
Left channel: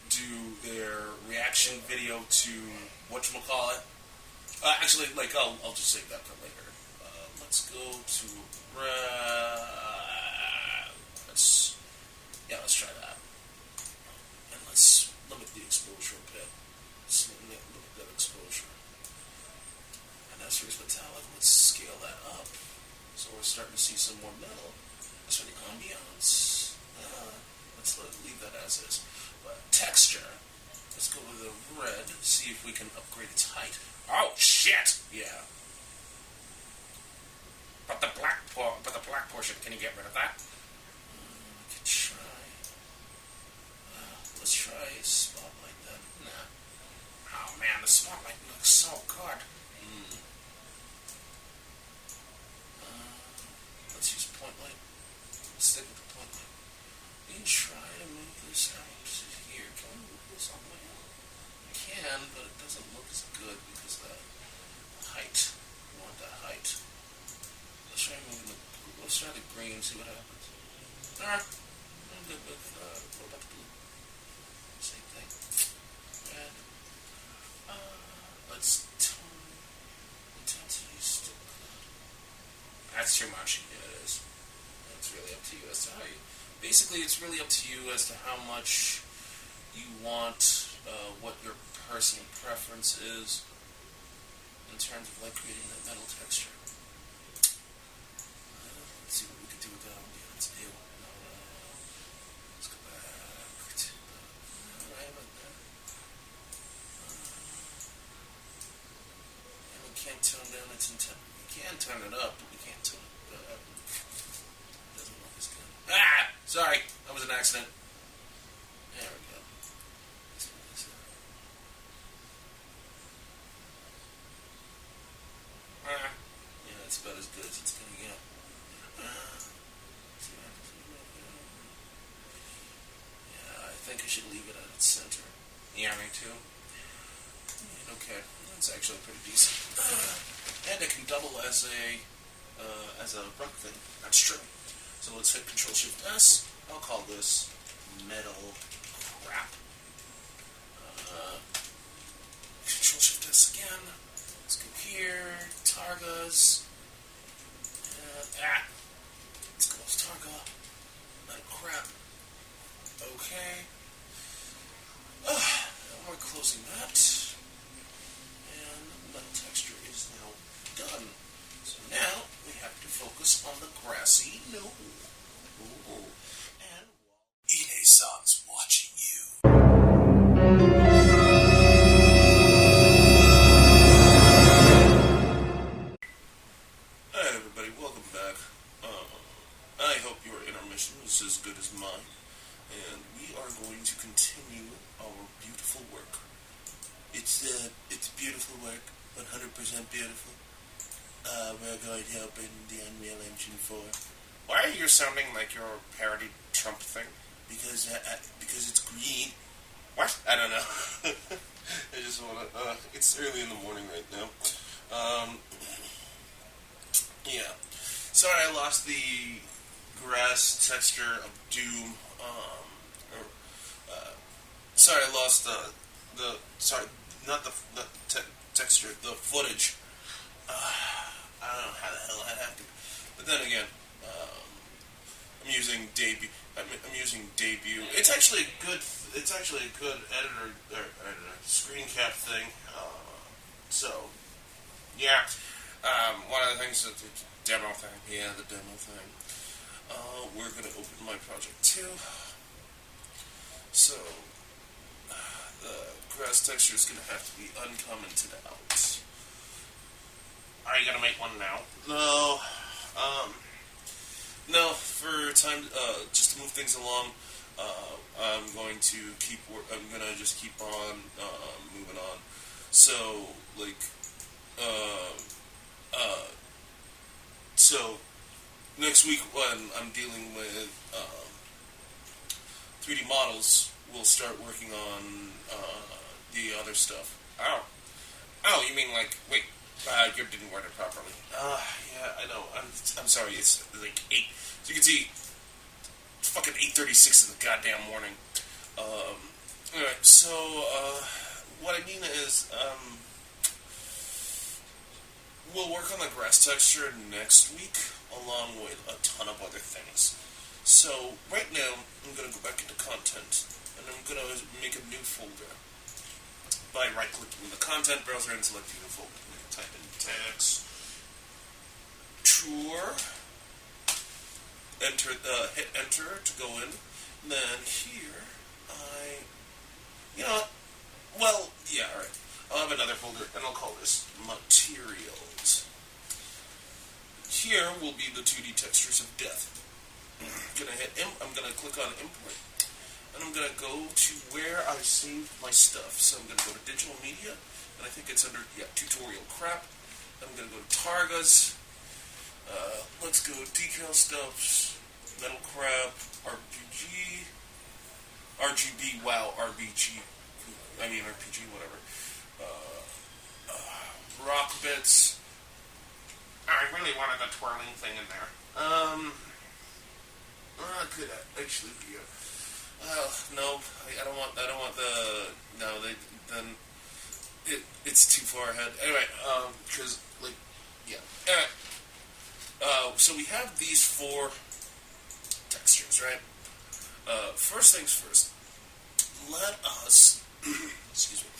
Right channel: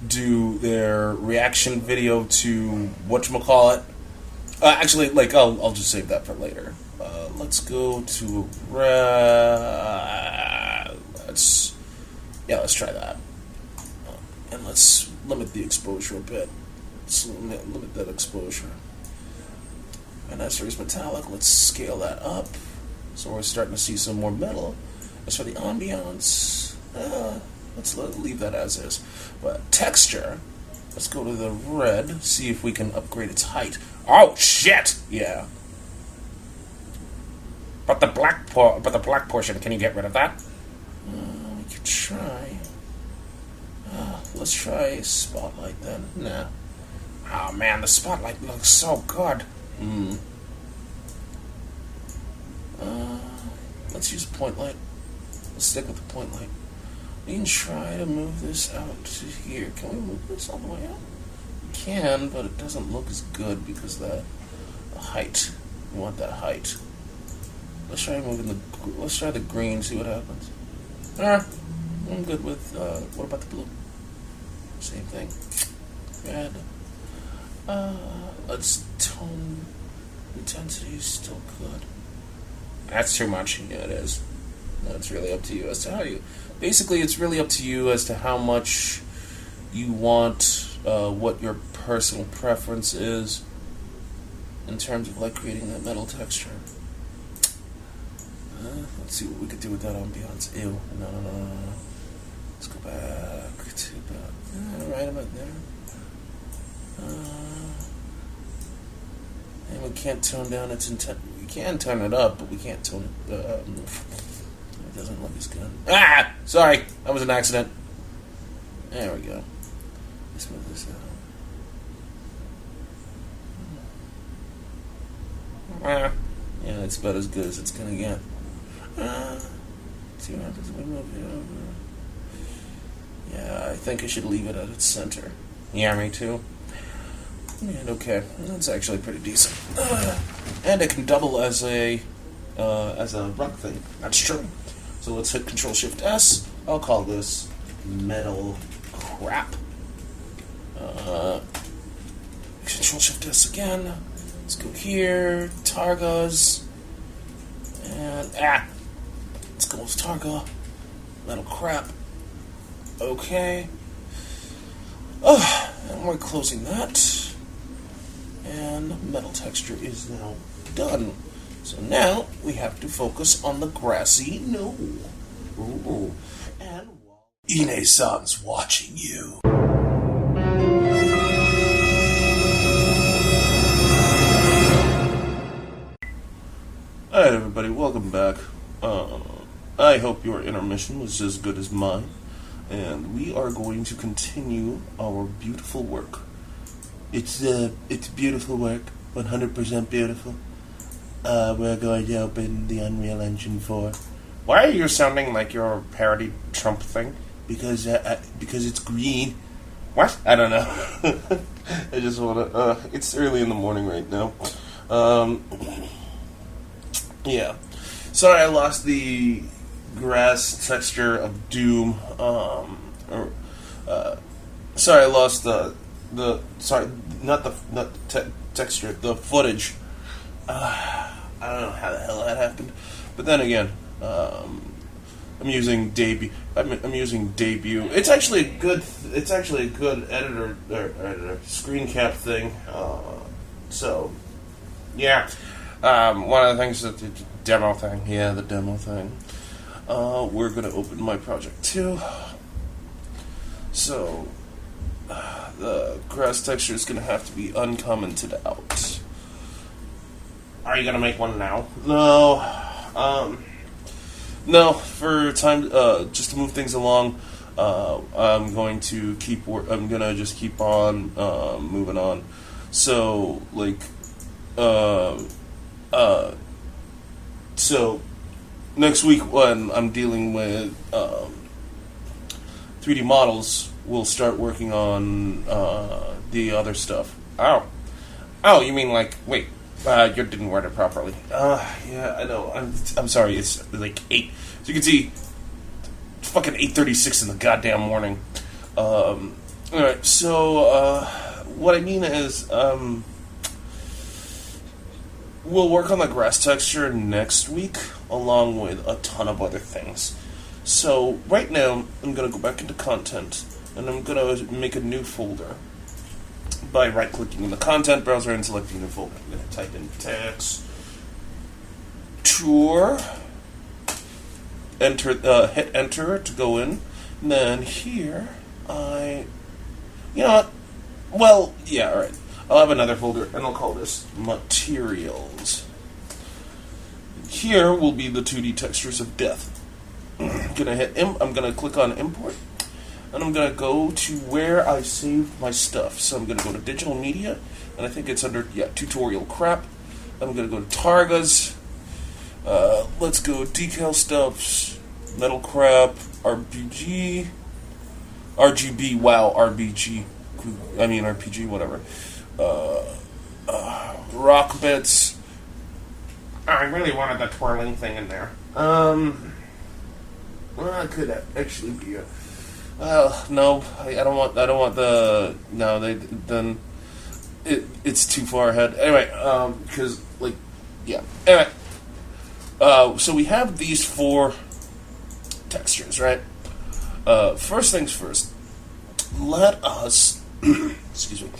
do their reaction video to whatchamacallit. Actually, like, I'll just save that for later. Let's go to let's try that. And let's limit the exposure a bit. Let's limit that exposure. And as for his metallic, let's scale that up. So we're starting to see some more metal. As for the ambiance, let's leave that as is. But texture, let's go to the red, see if we can upgrade its height. Oh shit! Yeah. But the black portion, can you get rid of that? We could try. Let's try spotlight then. Nah. Oh man, the spotlight looks so good. Let's use point light. Let's stick with the point light. We can try to move this out to here. Can we move this all the way out? We can, but it doesn't look as good because the height. We want that height. Let's try moving let's try the green, see what happens. I'm good with, what about the blue? Same thing. Red. Let's tone, intensity is still good. That's too much. Yeah, it is. That's really up to you as to how you, basically it's really up to you as to how much you want, what your personal preference is in terms of like creating that metal texture. Let's see what we could do with that ambiance. Ew. No. Let's go back to that. Right about there. And we can't tone down its intent. We can turn it up, but we can't tone it. It doesn't look as good. Sorry. That was an accident. There we go. Let's move this out. Yeah, it's about as good as it's gonna get. See what happens if we move it over. Yeah, I think I should leave it at its center. Yeah, me too. And okay, that's actually pretty decent. And it can double as a rock thing. That's true. So let's hit Control-Shift-S. I'll call this metal crap. Control-Shift-S again. Let's go here. Targas. And let's go with Targa. Metal crap. Okay. And we're closing that. And metal texture is now done. So now we have to focus on the grassy knoll. Ooh. And Ine-san's watching you. everybody, welcome back. I hope your intermission was as good as mine, and we are going to continue our beautiful work. It's beautiful work, 100% beautiful. We're going to open the Unreal Engine 4. Why are you sounding like your parody Trump thing? Because it's green. What? I don't know. I just want to, it's early in the morning right now. Yeah. Sorry I lost the grass texture of Doom. Sorry I lost texture, the footage. I don't know how the hell that happened. But then again, I'm using debut. I'm using debut. It's actually a good editor or screen cap thing. So yeah, one of the things that the demo thing. Yeah, the demo thing. We're gonna open my project too. So the grass texture is gonna have to be uncommented out. Are you gonna make one now? No. No, for time, just to move things along, I'm going to I'm gonna just keep on, moving on. So, like, so, next week when I'm dealing with, 3D models, we'll start working on, the other stuff. Oh, you mean like, wait. You didn't word it properly. Yeah, I know. I'm sorry. It's like 8. So you can see, it's fucking 8:36 in the goddamn morning. Alright, so, what I mean is, we'll work on the grass texture next week, along with a ton of other things. So, right now, I'm gonna go back into content, and I'm gonna make a new folder by right-clicking in the content browser and selecting the folder. I'm going to type in texture, hit enter to go in, and then here, you know what, well, yeah, alright, I'll have another folder, and I'll call this materials. Here will be the 2D textures of death. I'm going to click on import, and I'm going to go to where I saved my stuff. So I'm going to go to digital media, and I think it's under, tutorial crap. I'm going to go to Targas. Let's go decal stuffs, metal crap, RGB, RPG, whatever. Rock bits. I really wanted the twirling thing in there. Well, it could actually be a... no, I don't want the... No, then... It's too far ahead. Anyway, because, like, yeah. Anyway, so we have these 4 textures, right? First things first, let us... excuse me.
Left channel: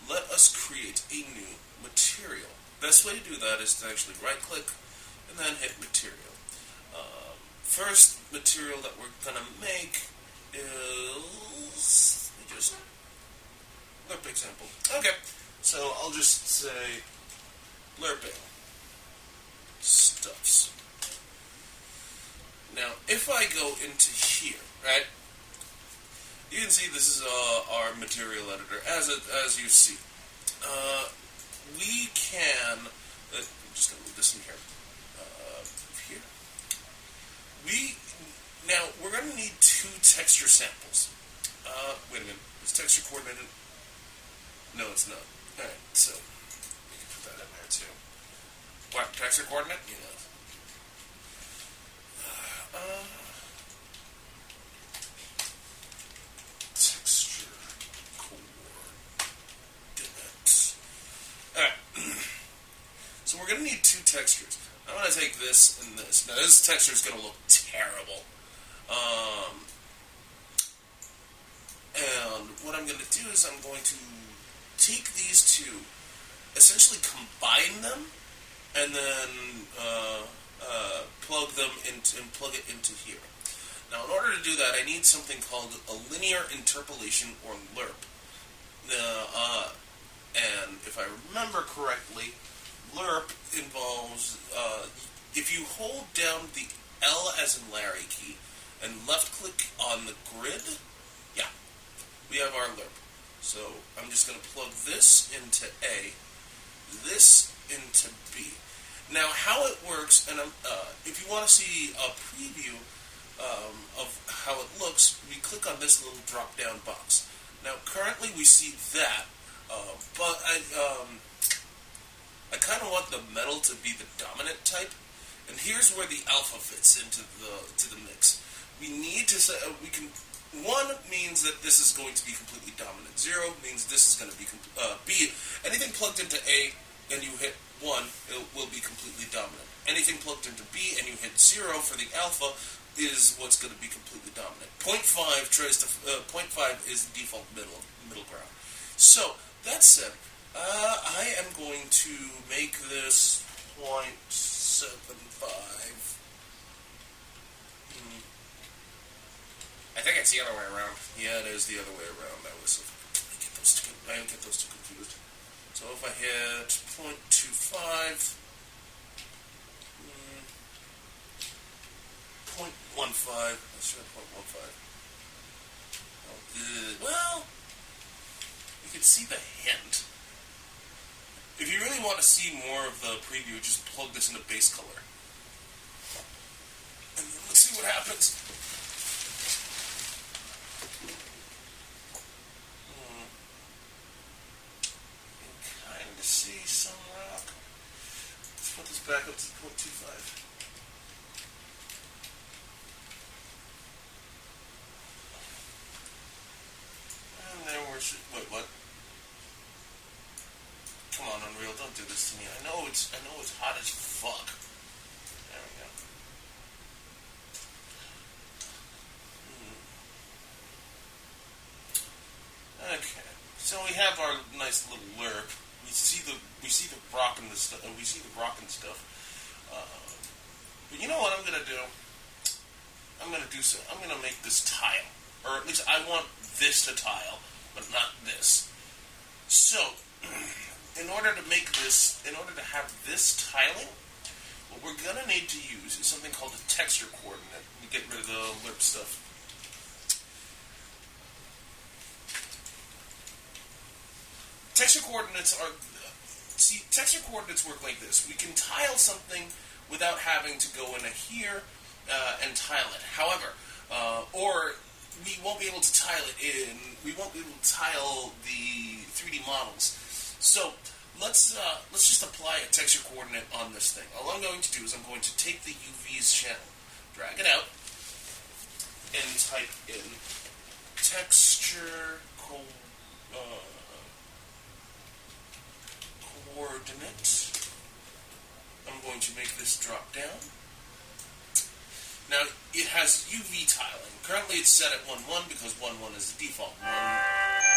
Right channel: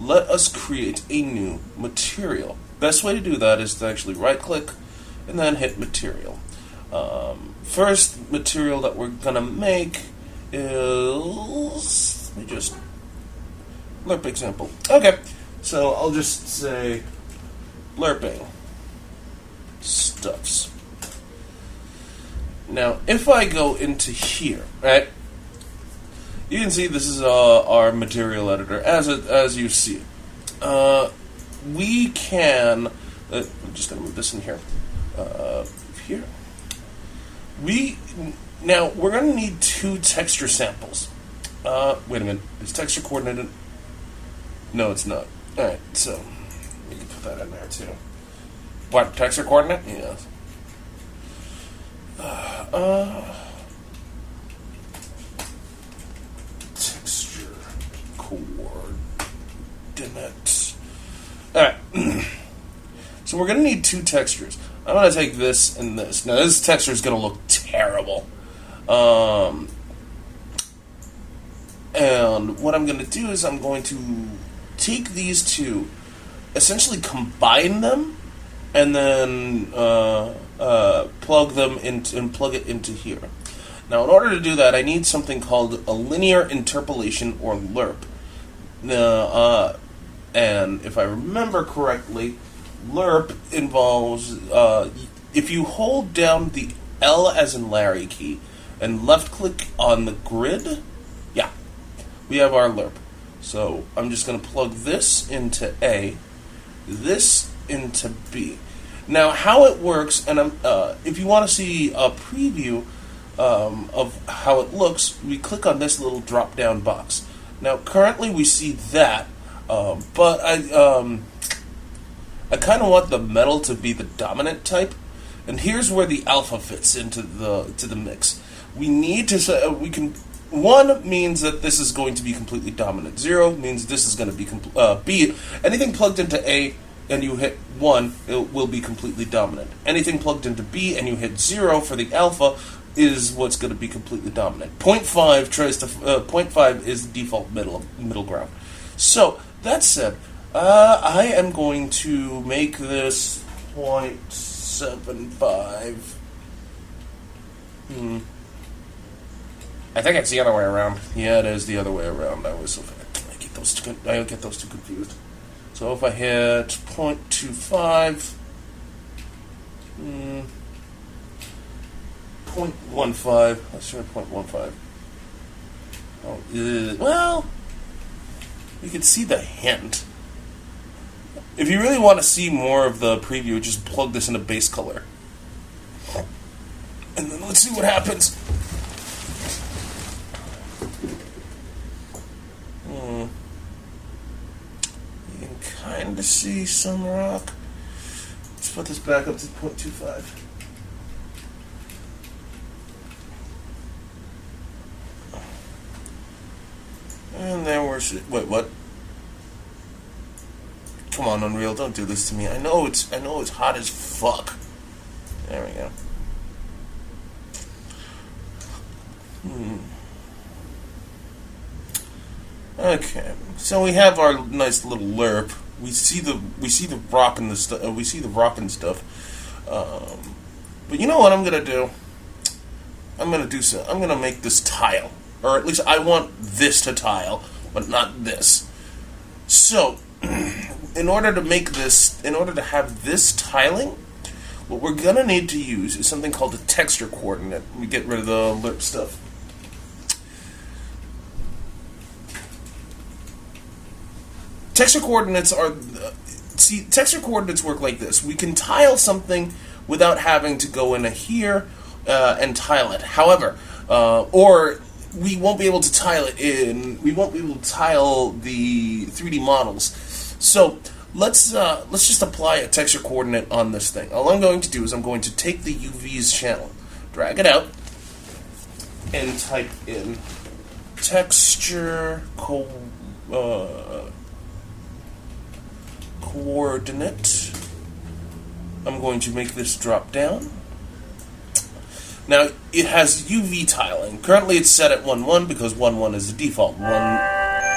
Let us create a new material. Best way to do that is to actually right-click and then hit material. First material that we're gonna make is, let me just lerp example. Okay, so I'll just say lerping stuffs. Now, if I go into here, right, you can see this is our material editor as you see it. We can. I'm just gonna move this in here. Here. We're going to need 2 texture samples. Wait a minute. Is texture coordinated? No, it's not. Alright, so we can put that in there too. What, texture coordinate? Yeah. Texture coordinates. Alright. So we're going to need 2 textures. I'm going to take this and this. Now, this texture is going to look terrible. And what I'm going to do is I'm going to take these 2, essentially combine them, and then plug it into here. Now, in order to do that, I need something called a linear interpolation, or lerp. And if I remember correctly, lerp involves if you hold down the L as in Larry key and left click on the grid, yeah, we have our lerp. So I'm just going to plug this into A, this into B. Now how it works, and if you want to see a preview of how it looks, we click on this little drop down box. Now currently we see that, but I kind of want the metal to be the dominant type, and here's where the alpha fits into the mix. We need to say we can. 1 means that this is going to be completely dominant. 0 means this is going to be B. Anything plugged into A and you hit 1, it will be completely dominant. Anything plugged into B and you hit 0 for the alpha is what's going to be completely dominant. 0.5 tries to 0.5 is the default middle ground. So that said, I am going to make this 0.75. I think it's the other way around. Yeah, it is the other way around. I get those two confused. So if I hit 0.25, 0.15. Let's try 0.15. Oh, well, you can see the hint. If you really want to see more of the preview, just plug this in a base color. And then let's see what happens. You can kind of see some rock. Let's put this back up to 0.25. And there we're... Wait, what? Come on, Unreal, don't do this to me. I know it's hot as fuck. There we go. Okay, so we have our nice little lerp. We see the rock and the stuff. We see the rock and stuff. But you know what I'm gonna do? I'm gonna make this tile, or at least I want this to tile, but not this. So, in order to have this tiling, what we're gonna need to use is something called a texture coordinate. We get rid of the lerp stuff. Texture coordinates texture coordinates work like this. We can tile something without having to go into here and tile it. However, or we won't be able to tile it in. We won't be able to tile the 3D models. So let's just apply a texture coordinate on this thing. All I'm going to do is I'm going to take the UV's channel, drag it out, and type in texture coordinate. I'm going to make this drop down. Now, it has UV tiling. Currently it's set at 1.1 because 1.1 is the default. That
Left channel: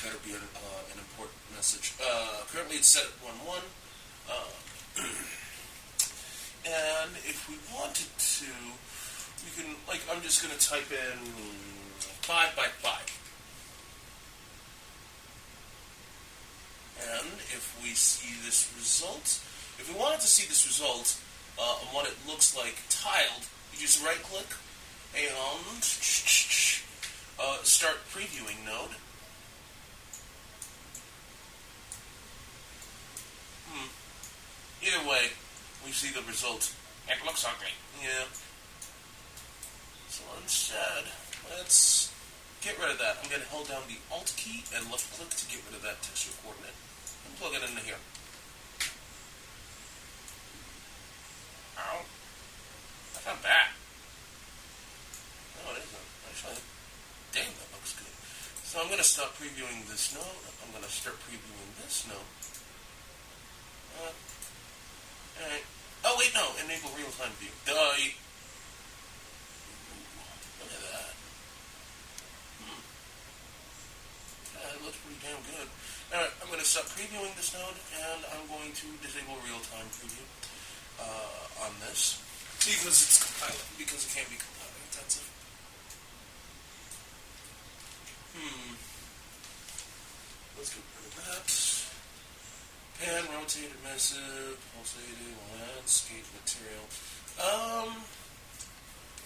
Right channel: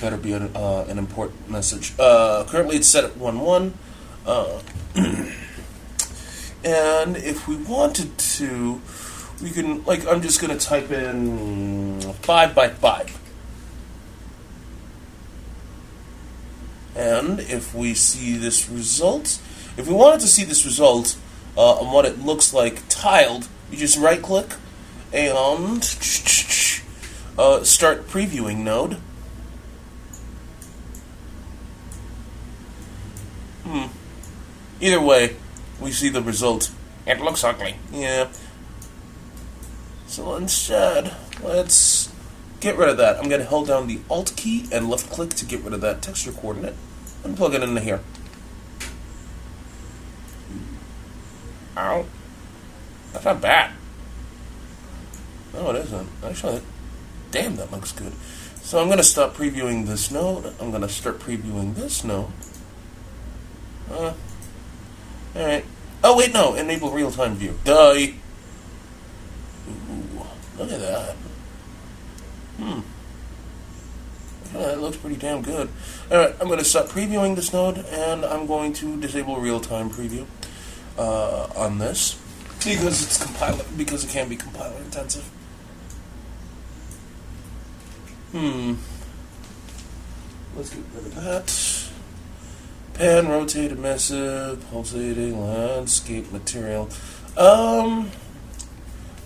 better be an important message. Currently it's set at 1.1. And if we wanted to, we can, I'm just going to type in 5 by 5. And if we see this result, if we wanted to see this result on what it looks like tiled, you just right click and start previewing node. Either way, we see the result. It looks ugly. Yeah. So instead, let's get rid of that. I'm going to hold down the Alt key and left click to get rid of that texture coordinate and plug it into here. Ow. That's not bad. No, it isn't. Actually, damn, that looks good. So I'm going to stop previewing this node. I'm going to start previewing this node. Alright. Oh, wait, no. Enable real-time view. Die. Ooh, look at that. Yeah, that looks pretty damn good. Alright, I'm going to stop previewing this node, and I'm going to disable real-time preview on this, because it can be compiler intensive. Let's get rid of that. Pan, rotate, emissive, pulsating, landscape material.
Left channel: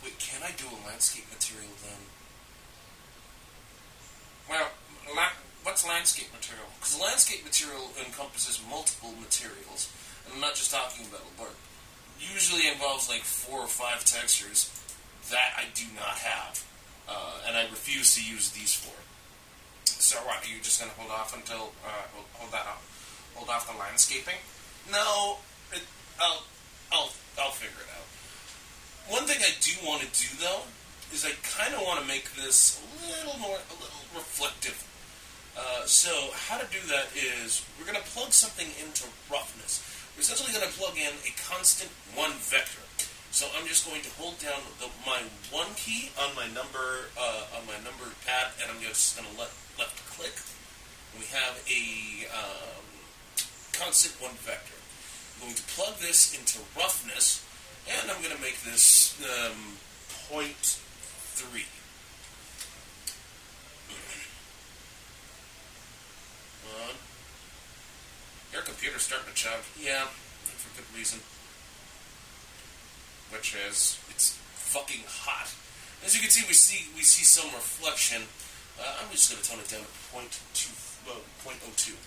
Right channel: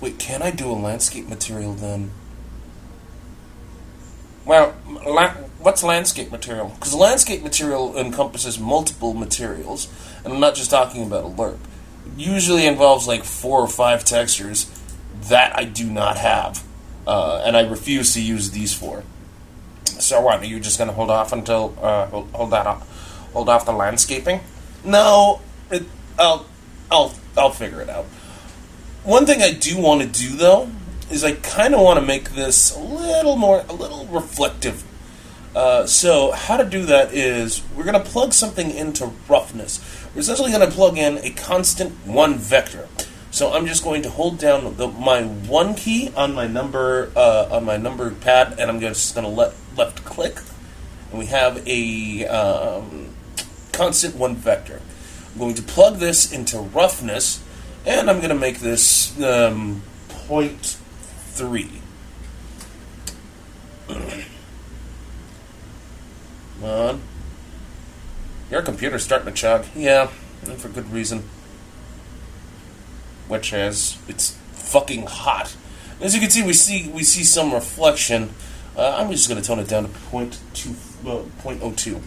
Wait, can I do a landscape material then? Well, what's landscape material? Because landscape material encompasses multiple materials, and I'm not just talking about a lerp. It usually involves like 4 or 5 textures that I do not have, and I refuse to use these 4. So what? Are you just gonna hold off until hold off the landscaping? No, I'll figure it out. One thing I do want to do though is I kind of want to make this a little reflective. So how to do that is we're going to plug something into roughness. We're essentially going to plug in a constant 1 vector. So I'm just going to hold down my 1 key on my number pad, and I'm just going to left click, and we have a constant 1 vector. I'm going to plug this into roughness, and I'm going to make this 0.3. Your computer's starting to chug. Yeah, and for good reason. Which is, it's fucking hot. As you can see, we see some reflection. I'm just going to tone it down to 0.02.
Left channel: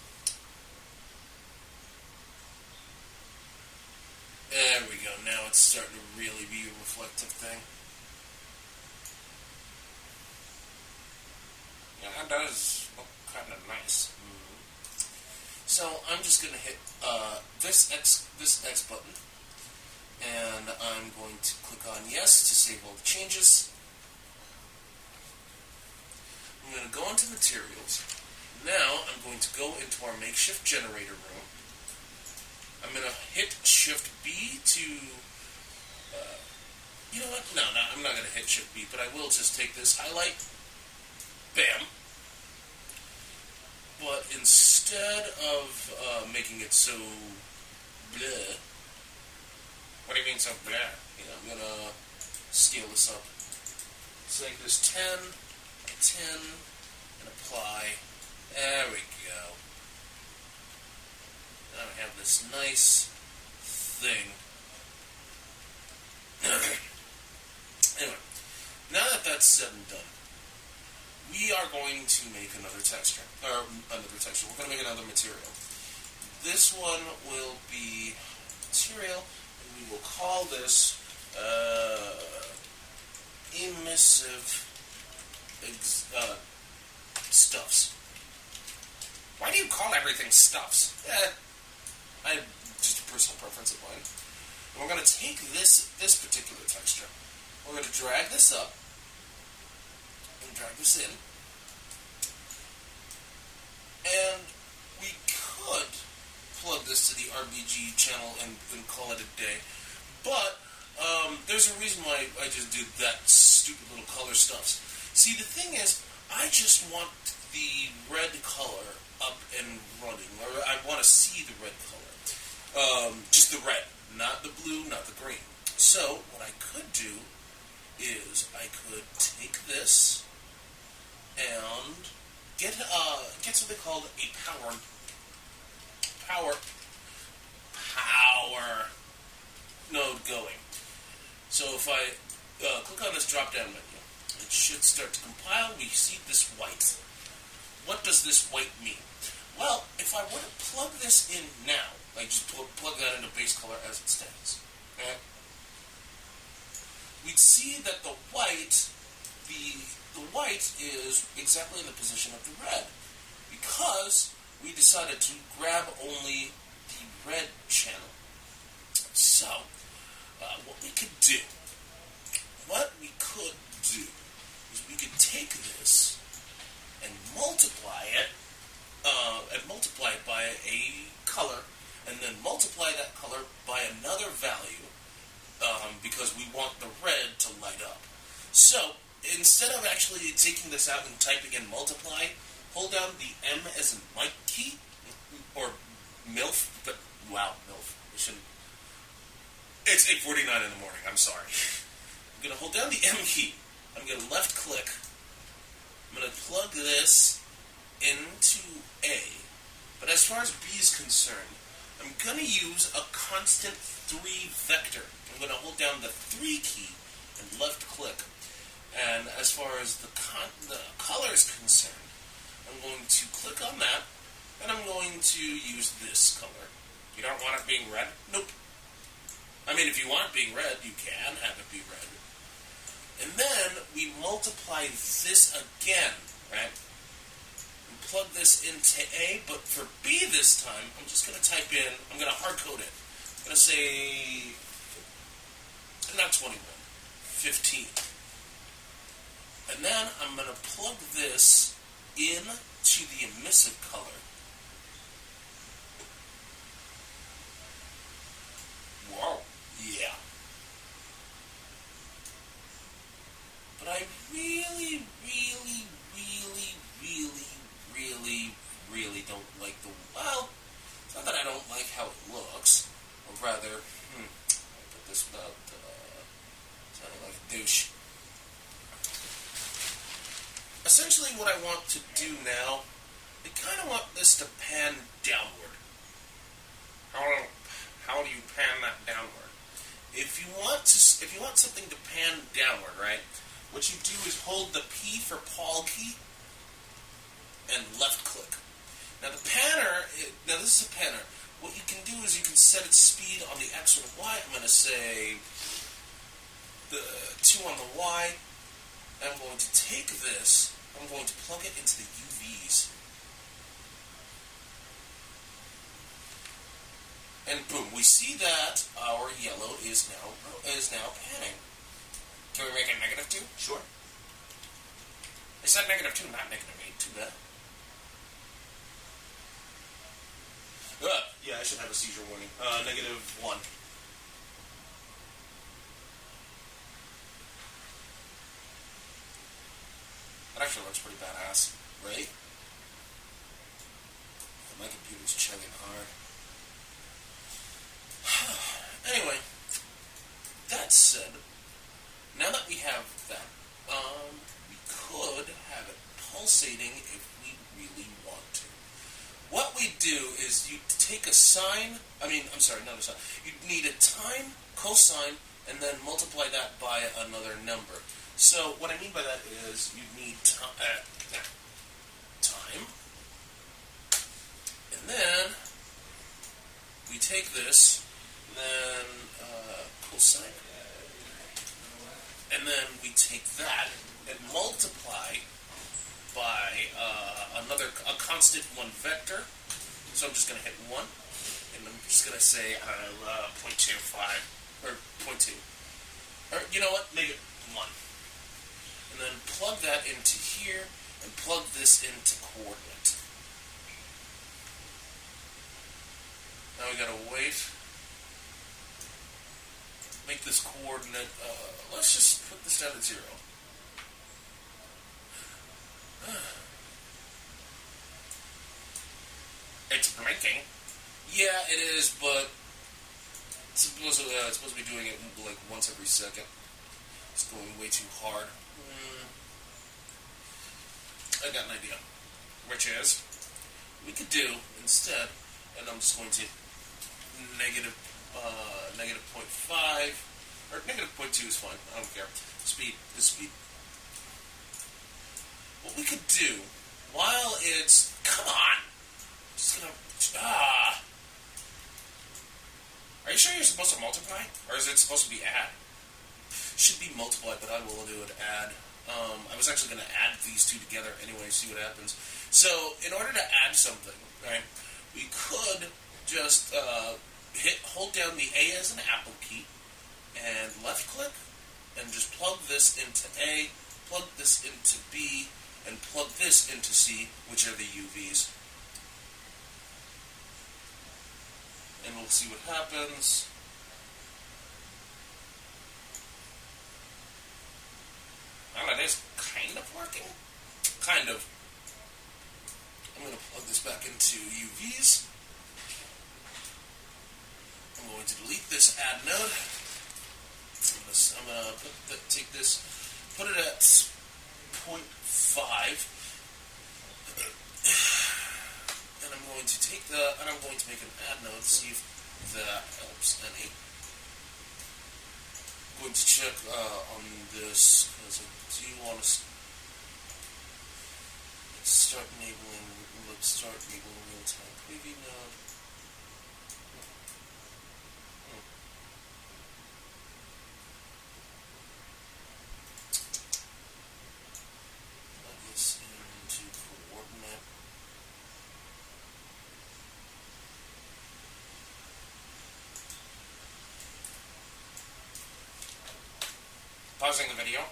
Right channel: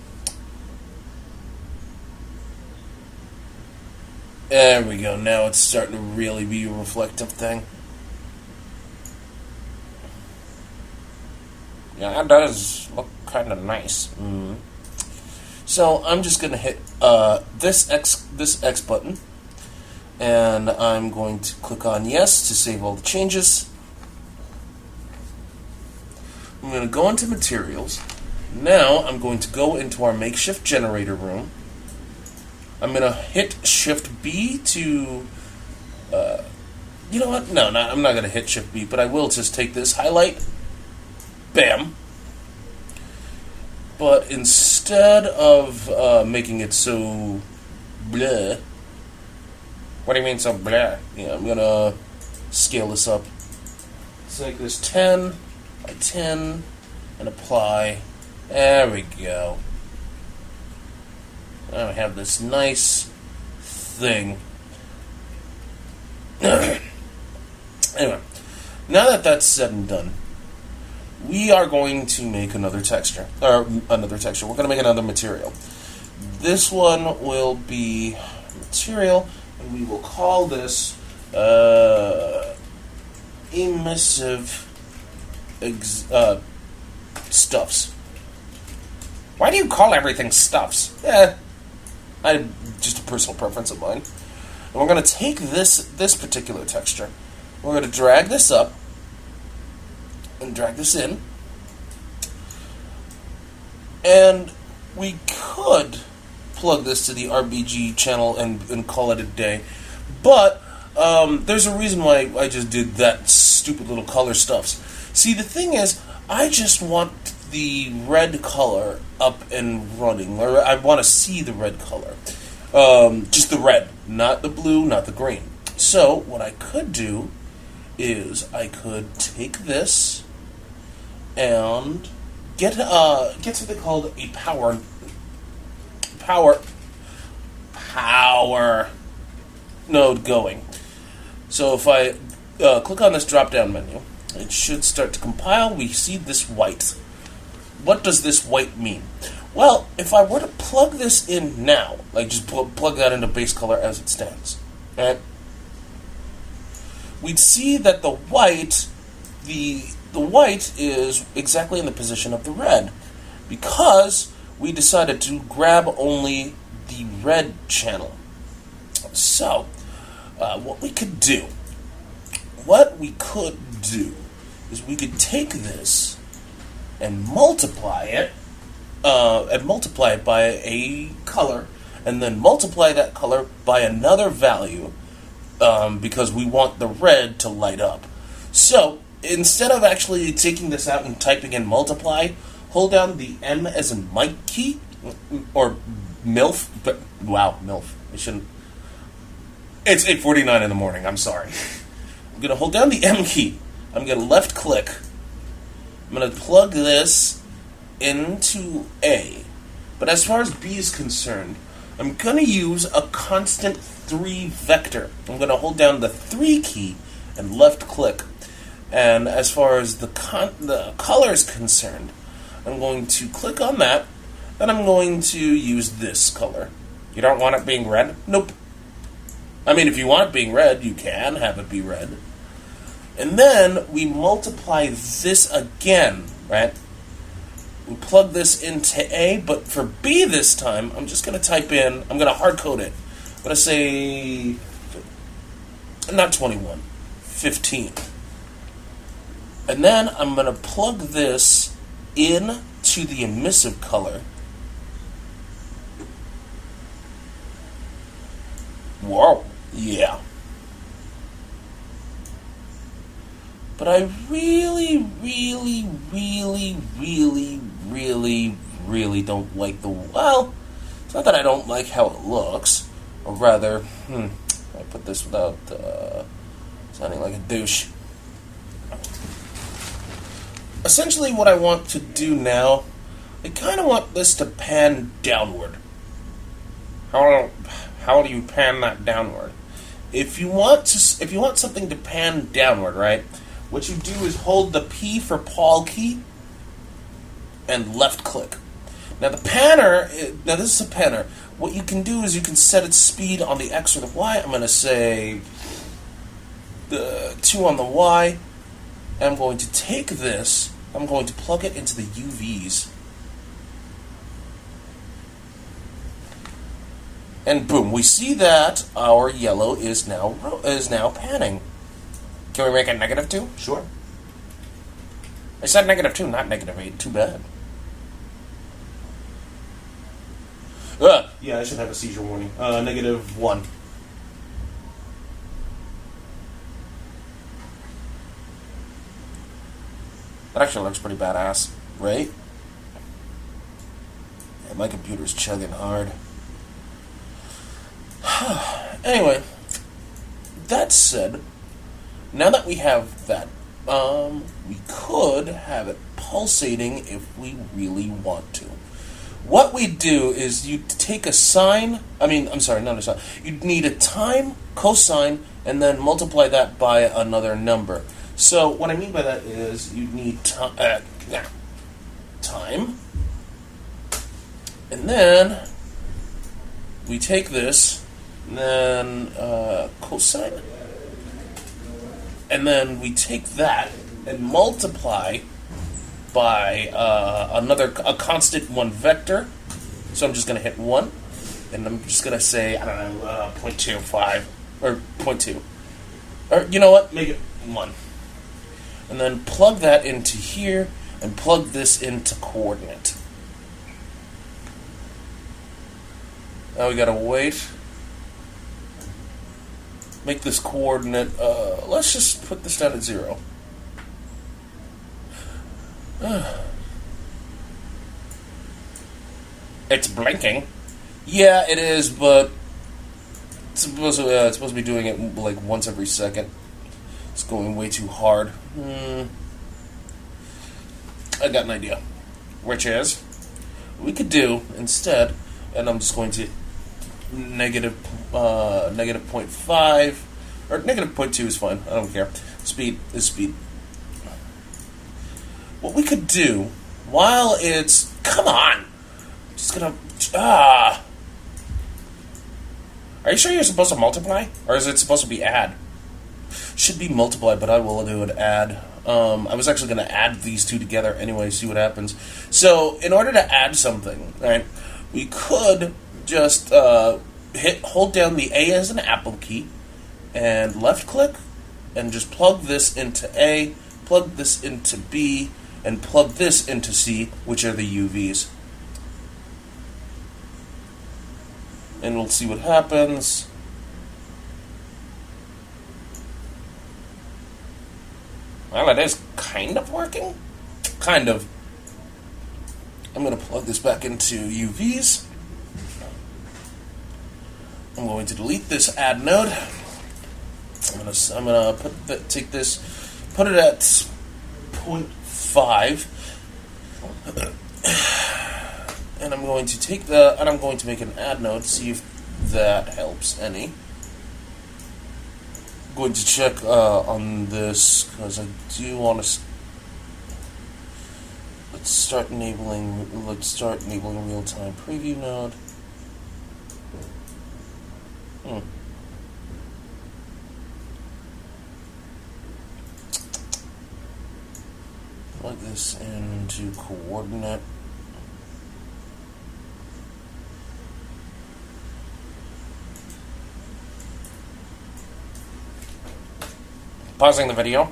There we go. Now it's starting to really be a reflective thing. Yeah, that does look kind of nice. So I'm just going to hit this X button, and I'm going to click on yes to save all the changes. I'm going to go into materials. Now I'm going to go into our makeshift generator room. I'm going to hit Shift B to, you know what? No, I'm not going to hit Shift B, but I will just take this highlight. Bam. But instead of making it so bleh. What do you mean so bleh? Yeah, I'm going to scale this up. Let's make this 10 by 10 and apply. There we go. Now we have this nice thing. Anyway, now that that's said and done, we are going to make another texture. We're going to make another material. This one will be material, and we will call this Emissive Stuffs. Why do you call everything stuffs? Just a personal preference of mine. And we're going to take this particular texture. We're going to drag this up and drag this in. And we could plug this to the RGB channel and call it a day. But there's a reason why I just did that stupid little color stuffs. See, the thing is, I just want the red color up and running, or I want to see the red color. Just the red, not the blue, not the green. So what I could do is I could take this and get something called a power node going. So if I click on this drop-down menu, it should start to compile. We see this white. What does this white mean? Well, if I were to plug this in now, like just plug that into base color as it stands, right? We'd see that the white is exactly in the position of the red, because we decided to grab only the red channel. So, what we could do is we could take this and multiply it by a color, and then multiply that color by another value, because we want the red to light up. So, instead of actually taking this out and typing in multiply, hold down the M as in Mike key, or MILF, but wow, MILF. I shouldn't. It's 8:49 in the morning, I'm sorry. I'm going to hold down the M key. I'm going to left click. I'm going to plug this into A. But as far as B is concerned, I'm going to use a constant 3 vector. I'm going to hold down the 3 key and left click. And as far as the color is concerned, I'm going to click on that, and I'm going to use this color. You don't want it being red? Nope. I mean, if you want it being red, you can have it be red. And then we multiply this again, right? We plug this into A, but for B this time, I'm just going to type in, I'm going to hard code it. I'm going to say, not 21, 15. And then I'm going to plug this in to the emissive color. Whoa, yeah. But I really don't like the... Well, it's not that I don't like how it looks. Or rather, I put this without sounding like a douche. Essentially what I want to do now, I kind of want this to pan downward. How do you pan that downward? If you want something to pan downward, right? What you do is hold the P for Paul key and left click. Now the panner, now this is a panner. What you can do is you can set its speed on the X or the Y. I'm going to say the 2 on the Y. And I'm going to take this, I'm going to plug it into the UVs. And boom, we see that our yellow is now panning. Can we make it -2? Sure. I said -2, not -8. Too bad. Yeah, I should have a seizure warning. -1. That actually looks pretty badass, right? Yeah, my computer's chugging hard. Anyway, that said, now that we have that, we could have it pulsating if we really want to. What we do is you take a sine, not a sine. You'd need a time, cosine, and then multiply that by another number. So what I mean by that is you need time, and then we take this, and then cosine, and then we take that and multiply by a constant 1 vector. So I'm just going to hit 1, and I'm just going to say, 0.25, or 0.2. Or, you know what, make it 1. And then plug that into here, and plug this into coordinate. Now we gotta wait. Make this coordinate, let's just put this down at 0. It's blinking. Yeah, it is, but it's supposed to be doing it like once every second. It's going way too hard. I got an idea. Which is, we could do instead, and I'm just going to negative 0.5, or negative 0.2 is fine. I don't care. Speed is speed. What we could do, while it's... Come on! I'm just gonna... Are you sure you're supposed to multiply? Or is it supposed to be add? Should be multiply, but I will do an add. I was actually going to add these two together anyway, see what happens. So, in order to add something, right, we could just hold down the A as an Apple key, and left click, and just plug this into A, plug this into B, and plug this into C, which are the UVs. And we'll see what happens. Well, it is kind of working. Kind of. I'm going to plug this back into UVs. I'm going to delete this add node. I'm going to take this, put it at 0.5, And I'm going to take that, and I'm going to make an add node, see if that helps any. I'm going to check on this, because I do want to... Let's start enabling real-time preview node. Plug this into coordinate. Pausing the video.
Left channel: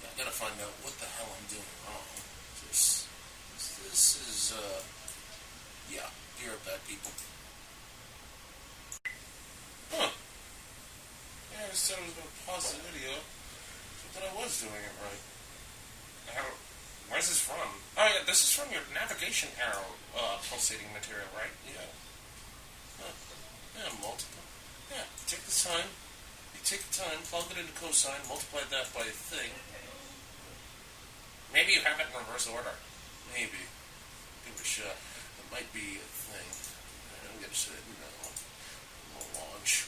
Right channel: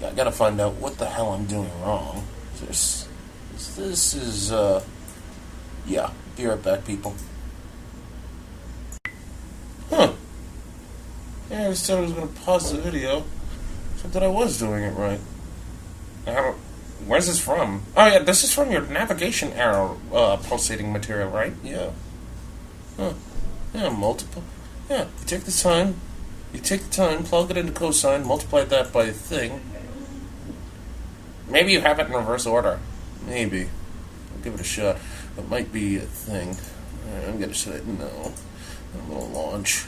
Yeah, I gotta find out what the hell I'm doing wrong. This is, yeah, be right back, people. Huh. Yeah, I just said I was gonna pause the video, except that I was doing it right. Where's this from? Oh yeah, this is from your navigation arrow pulsating material, right? Yeah. Huh. Yeah, multiple. Yeah, you take the time, plug it into cosine, multiply that by a thing. Maybe you have it in reverse order. Maybe. I'll give it a shot. It might be a thing. I'm gonna say no. A little launch.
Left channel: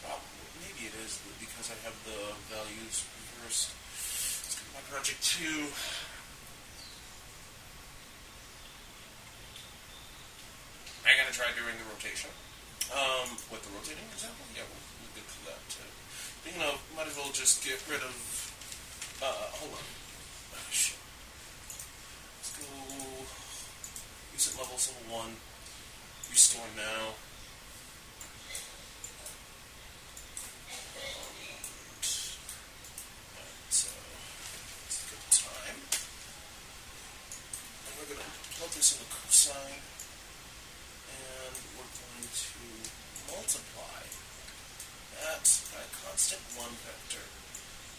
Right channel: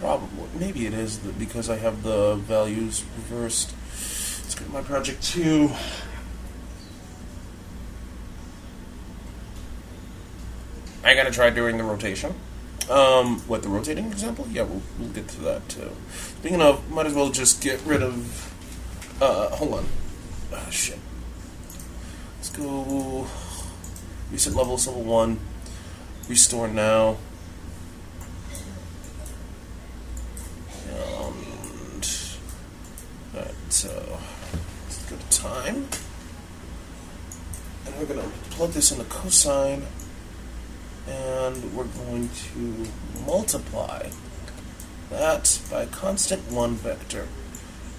Probably. Maybe it is because I have the values reversed. Let's go to my project 2. I gotta try doing the rotation. What, the rotating example? Yeah, we'll get to that too. Speaking of, might as well just get rid of, hold on. Ah, shit. Let's go, reset levels, level 1, restore now. Alright, so, let's go to time. And we're gonna plug this into cosine. And we're going to multiply that by a constant 1 vector.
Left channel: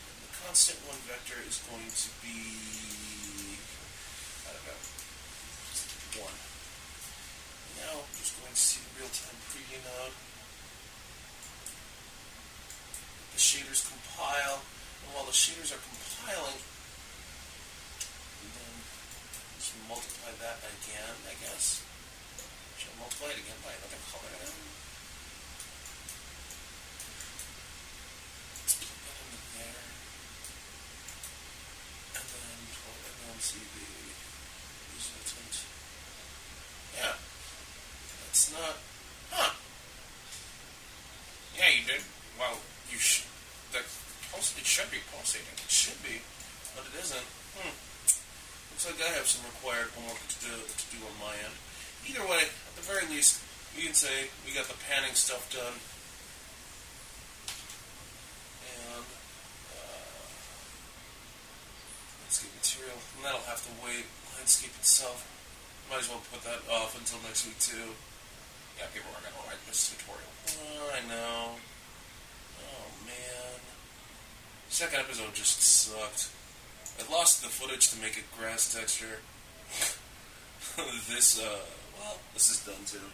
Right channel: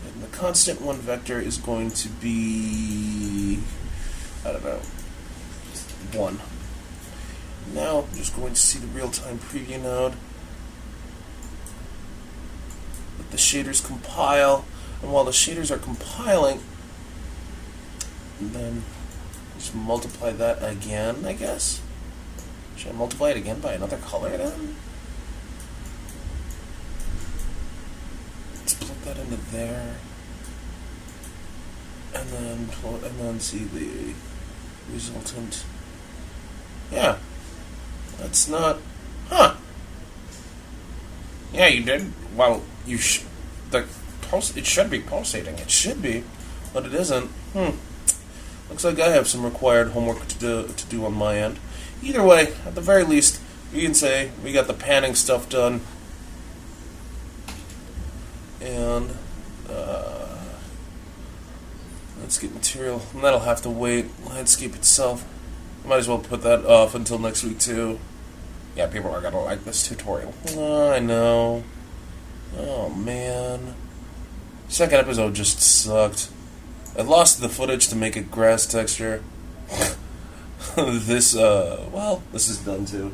And the constant 1 vector is going to be, I don't know, 1. Now I'm just going to see the real-time preview node. Let the shaders compile. And while the shaders are compiling, then just multiply that again, I guess. Should I multiply it again by another color then? Let's plug that into there. And then see the resultant. Yeah. That's not... Huh. Yeah, you did. Well, it should be pulsating. It should be, but it isn't. Looks like I have some required homework to do on my end. Either way, at the very least, you can say we got the panning stuff done. And, landscape material, and that'll have to wait. Landscape itself, might as well put that off until next week too. Yeah, people are gonna like this tutorial. Oh, I know. Oh, man. Second episode just sucked. I lost the footage to make it grass texture. This is done too.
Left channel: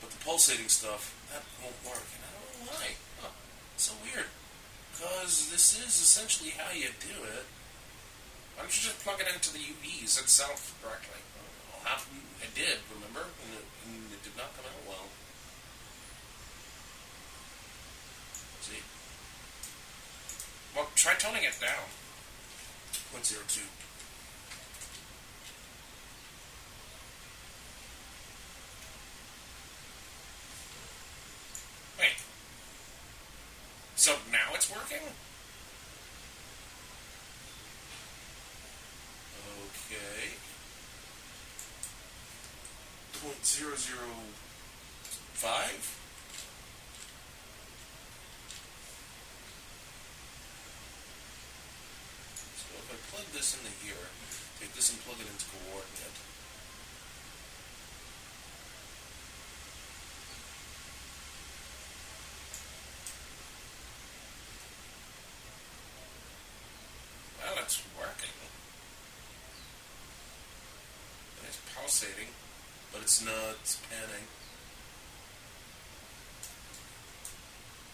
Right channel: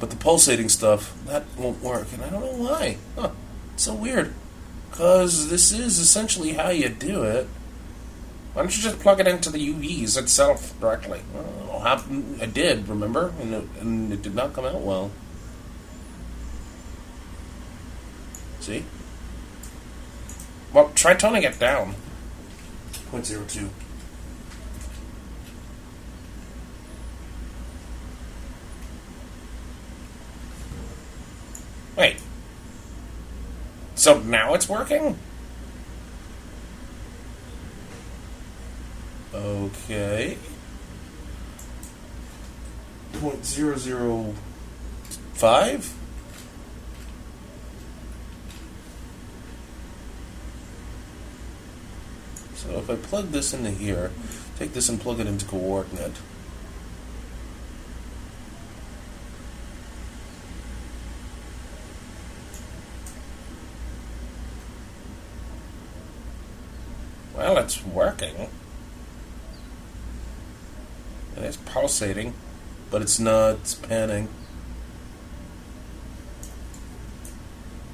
But the pulsating stuff, that won't work, and I don't know why. Huh, it's so weird. Because this is essentially how you do it. Why don't you just plug it into the UVs itself directly? I did, remember? And it did not come out well. See? Well, try toning it down. 0.02. Wait. So now it's working? Okay. 0.005? So if I plug this into here, take this and plug it into coordinate. Well, it's working. It is pulsating, but it's not panning.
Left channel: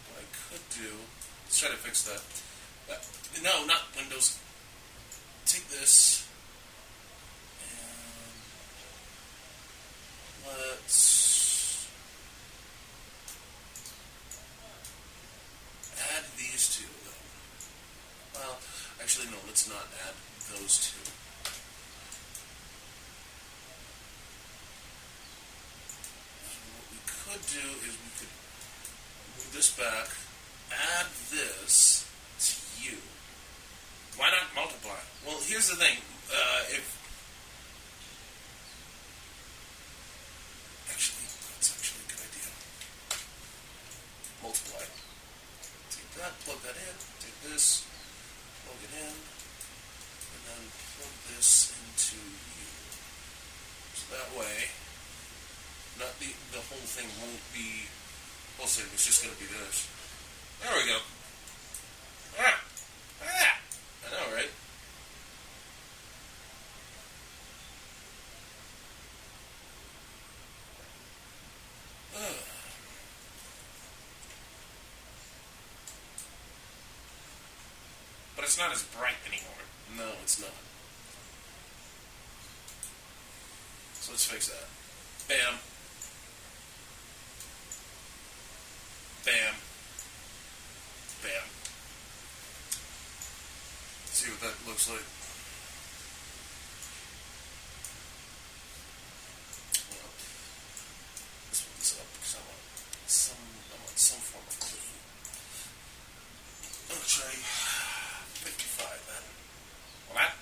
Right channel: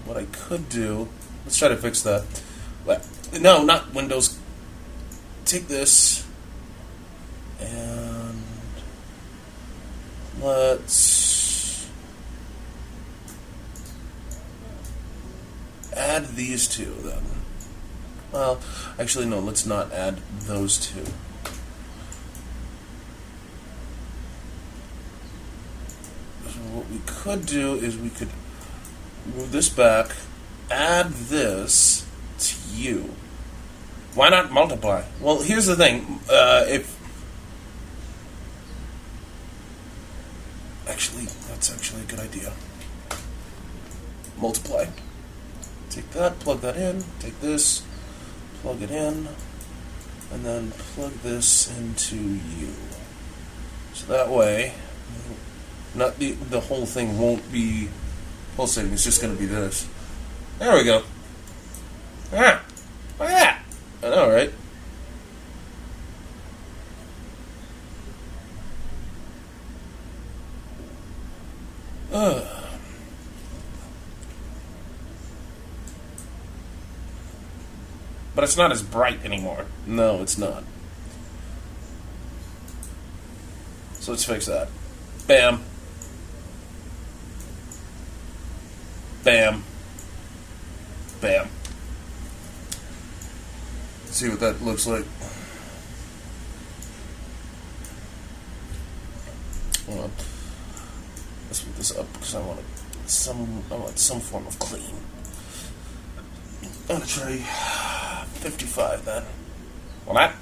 what I could do, let's try to fix that. No, not Windows. Take this and let's add these two then. Well, actually no, let's not add those two. So what we could do is we could move this back, add this to you. Why not multiply? Well, here's the thing. That's actually a good idea. Multiply. Take that, plug that in, take this, plug it in, and then plug this into you. So that way, not the whole thing won't be pulsating, it's just going to be this. There we go. Ah, look at that. I know, right? But it's not as bright anymore. No, it's not. So let's fix that. Bam. Bam. Bam. See what that looks like. Hold on. Let's move this up because I want some form of clean. I'm gonna try 55 then. Well, that.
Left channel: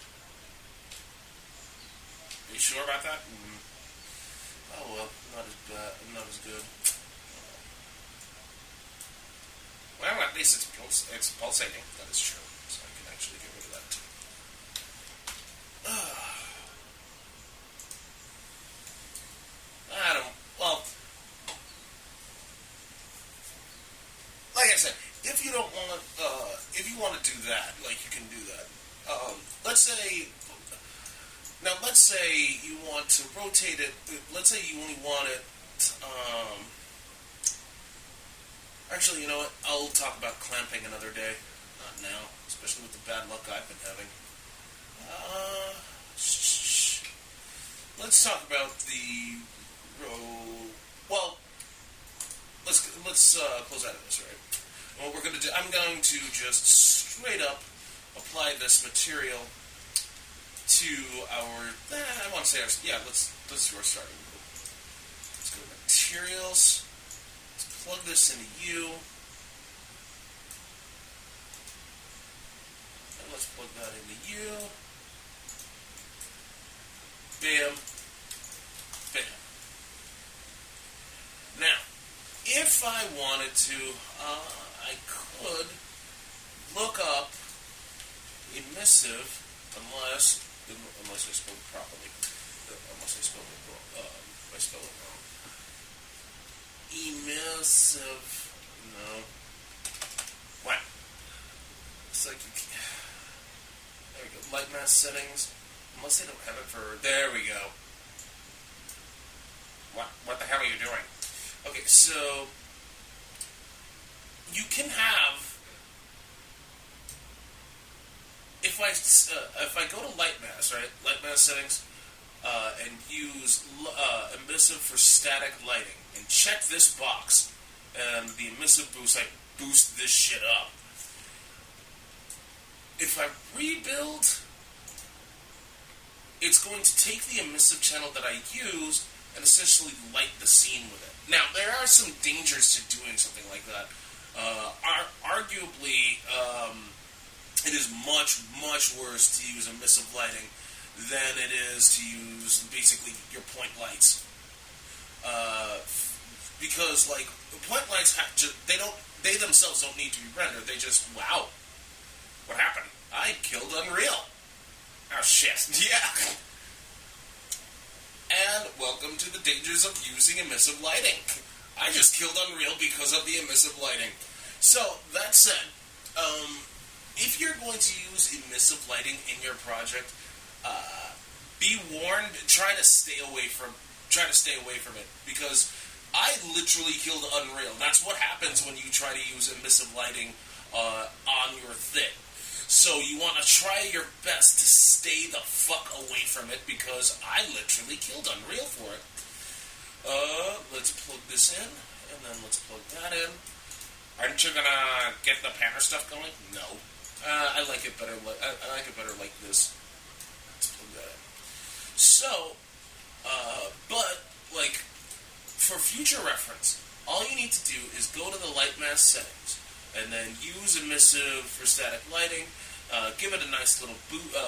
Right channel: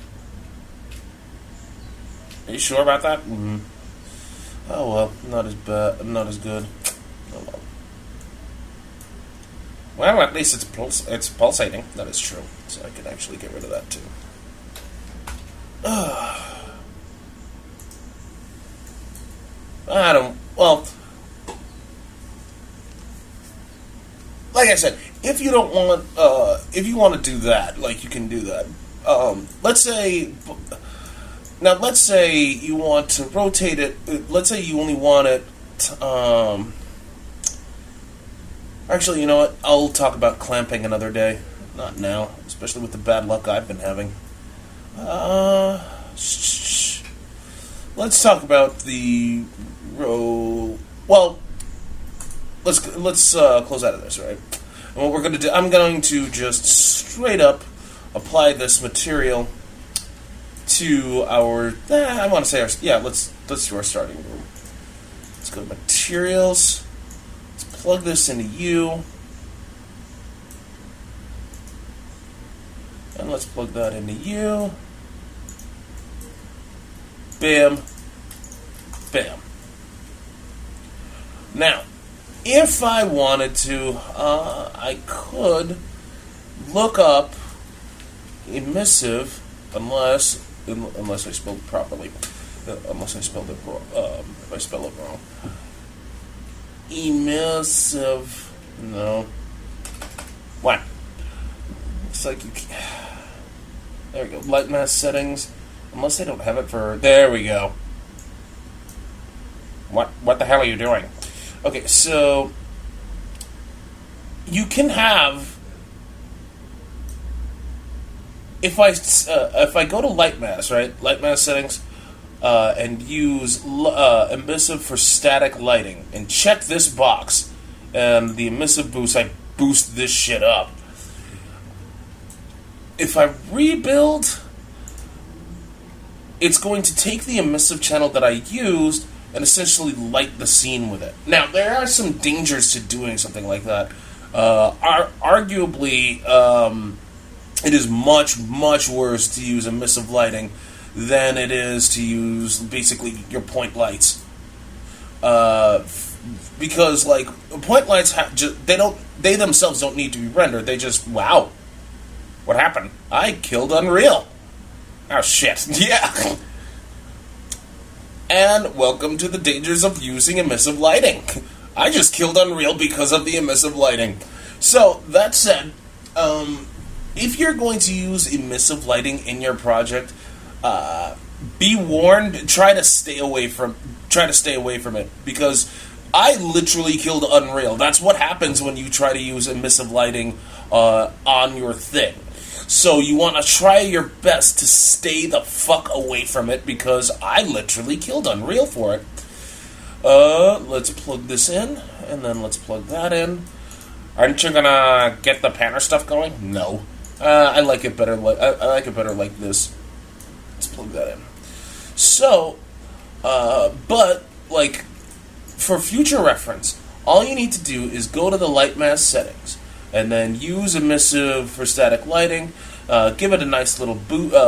Are you sure about that? Mm-hmm. Oh well, not as bad, not as good. Oh well. Well, at least it's pulsating. That is true. So I can actually get rid of that too. I don't. Well, like I said, if you don't want, if you want to do that, like you can do that. Let's say you want to rotate it. Let's say you only want it. Actually, you know what? I'll talk about clamping another day. Not now, especially with the bad luck I've been having. Let's talk about the row. Well, let's close out of this, right? And what we're going to do, I'm going to just straight up apply this material to our. I want to say our. Yeah, let's do our starting room. Let's go to materials. Let's plug this into U. And let's plug that into U. Bam. Bam. Now, if I wanted to, I could look up emissive, unless I spelled it properly. Unless I spelled it wrong. If I spell it wrong. Emissive. No. What? Looks like you can't. There we go. Light mask settings. Unless they don't have it for. There we go. What the hell are you doing? Okay, so you can have. If I go to light mask, right? Light mask settings, and use emissive for static lighting, and check this box, and the emissive boost, I boost this shit up. If I rebuild, it's going to take the emissive channel that I used and essentially light the scene with it. Now, there are some dangers to doing something like that. Arguably, it is much, much worse to use emissive lighting than it is to use basically your point lights. Because, like, point lights, they themselves don't need to be rendered. They just, wow. What happened? I killed Unreal. Oh, shit. Yeah. And welcome to the dangers of using emissive lighting. I just killed Unreal because of the emissive lighting. So, that said, if you're going to use emissive lighting in your project, be warned, try to stay away from it, because I literally killed Unreal. That's what happens when you try to use emissive lighting on your thing. So you want to try your best to stay the fuck away from it, because I literally killed Unreal for it. Let's plug this in, and then let's plug that in. Aren't you gonna get the panner stuff going? No. I like it better. I like it better like this. Let's plug that in. So, but like for future reference, all you need to do is go to the light mask settings, and then use emissive for static lighting. Give it a nice little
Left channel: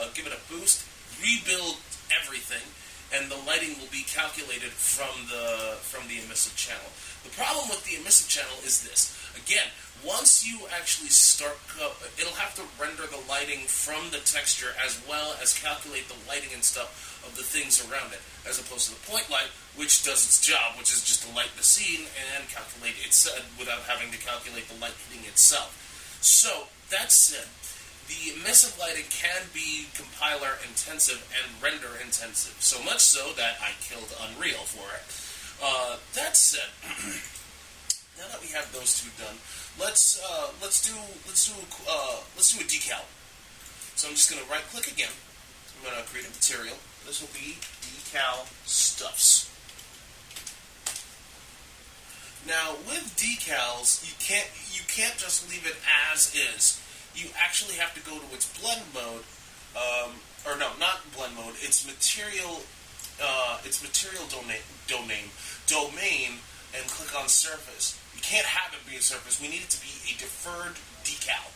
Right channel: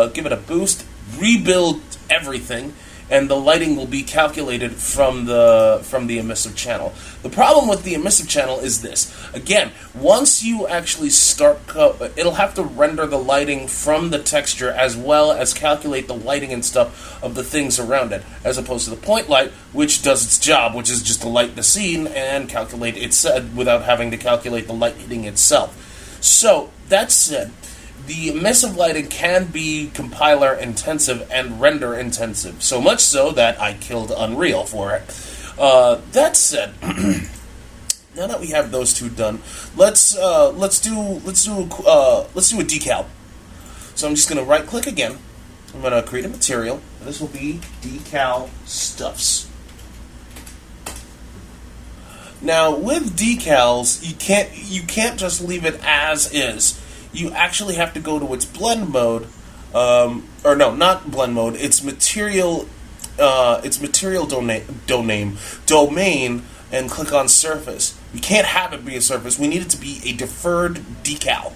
give it a boost. Rebuild everything, and the lighting will be calculated from the emissive channel. The problem with the emissive channel is this. Again, once you actually start, it'll have to render the lighting from the texture as well as calculate the lighting and stuff of the things around it, as opposed to the point light, which does its job, which is just to light the scene and calculate it without having to calculate the light hitting itself. So, that said, the emissive lighting can be compiler intensive and render intensive, so much so that I killed Unreal for it. That said, now that we have those two done, let's do a decal. So I'm just gonna right click again. I'm gonna create a material. This will be decal stuffs. Now with decals, you can't just leave it as is. You actually have to go to its blend mode, or no, not blend mode. It's material domain, and click on surface. We can't have it be a surface. We need it to be a deferred decal.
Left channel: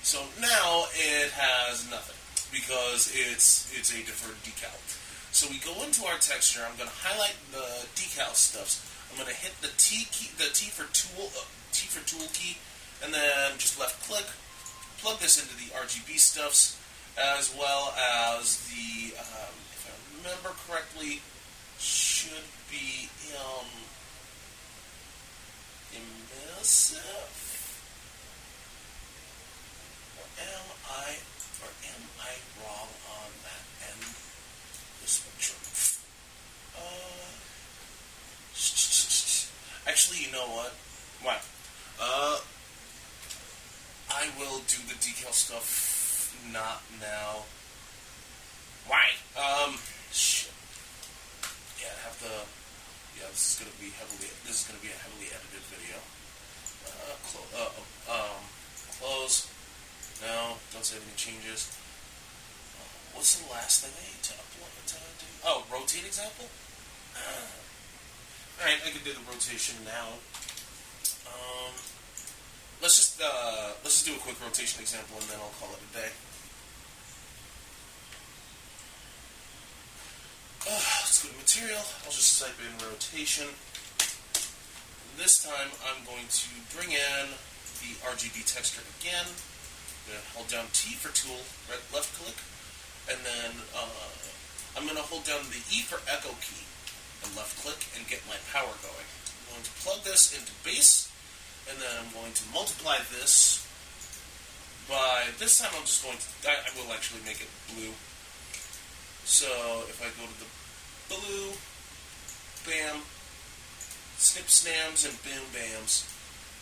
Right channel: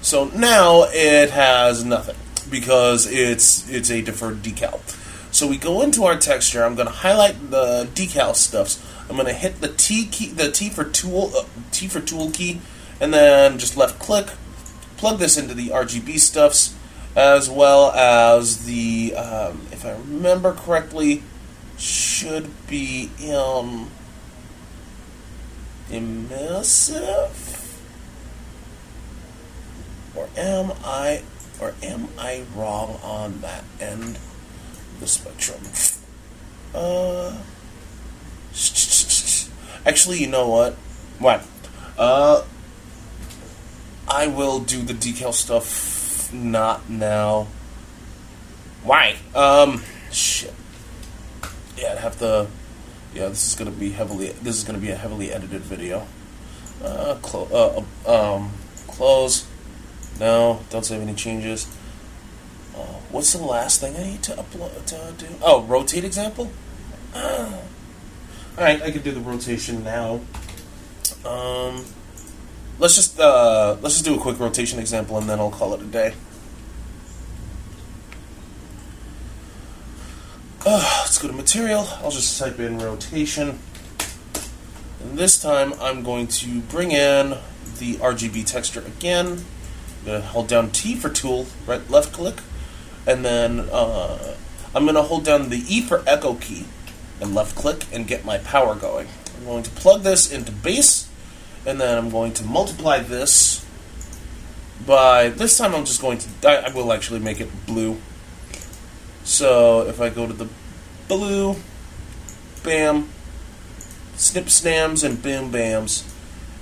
So now it has nothing because it's a deferred decal. So we go into our texture. I'm going to highlight the decal stuffs. I'm going to hit the T key, the T for tool key. And then just left click, plug this into the RGB stuffs, as well as the, if I remember correctly, should be in emissive, or am I wrong on that end of the spectrum? Actually, you know what? What? I will do the decal stuff not now. Why? Shit. Yeah, I'd have to. Yeah, this is gonna be a heavily edited video. Close. No, don't save any changes. What's the last thing I need to upload to do? Oh, rotate example. All right, I can do the rotation now. Let's just do a quick rotation example, and then I'll call it a day. Let's go to material. I'll just type in rotation, and this time I'm going to bring in the RGB texture again. I'm gonna hold down T for tool, left click, and then I'm gonna hold down the E for echo key, and left click, and get my power going. I'm going to plug this into base. And then I'm going to multiply this by, this time I'm just going to, I will actually make it blue. So if I go to the blue, bam, snip snams and boom bams,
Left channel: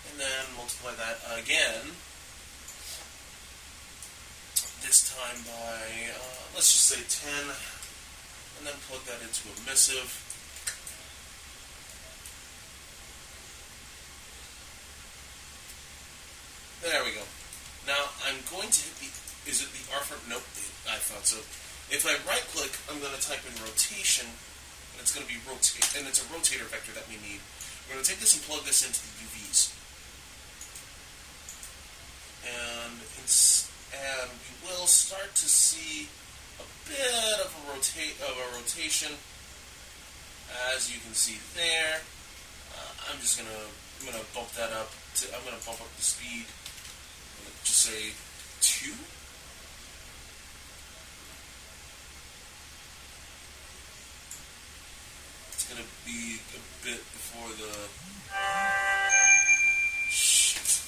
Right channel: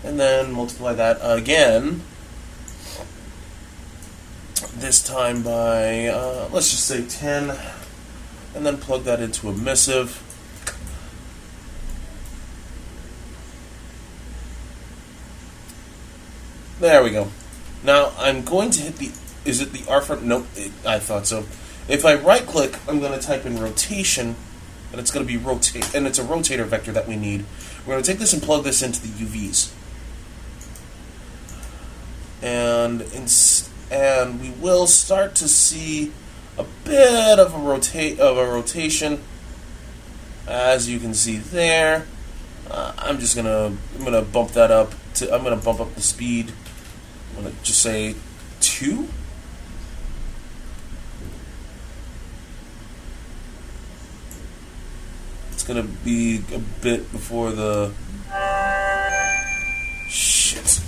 and then multiply that again, this time by, let's just say 10, and then plug that into emissive. There we go. Now I'm going to hit the, is it the R for, nope, I thought so. If I right click, I'm going to type in rotation, and it's going to be rotate, and it's a rotator vector that we need. We're going to take this and plug this into the UVs. And we will start to see a bit of a rotation, as you can see there. I'm gonna bump that up to, I'm gonna bump up the speed. I'm gonna just say 2. It's gonna be a bit before the shit.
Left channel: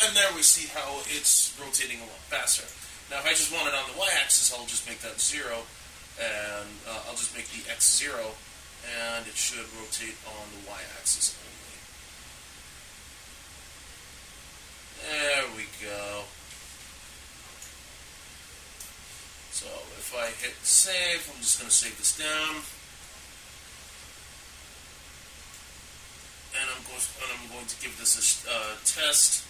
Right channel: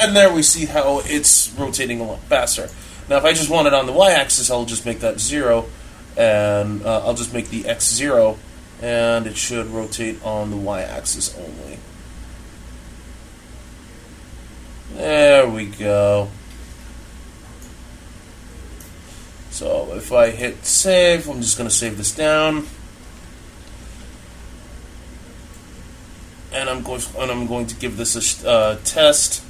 And there we see how it's rotating a lot faster. Now if I just want it on the y-axis, I'll just make that 0, and I'll just make the x 0, and it should rotate on the y-axis only. There we go. So if I hit save, I'm just going to save this down, and I'm going to give this a test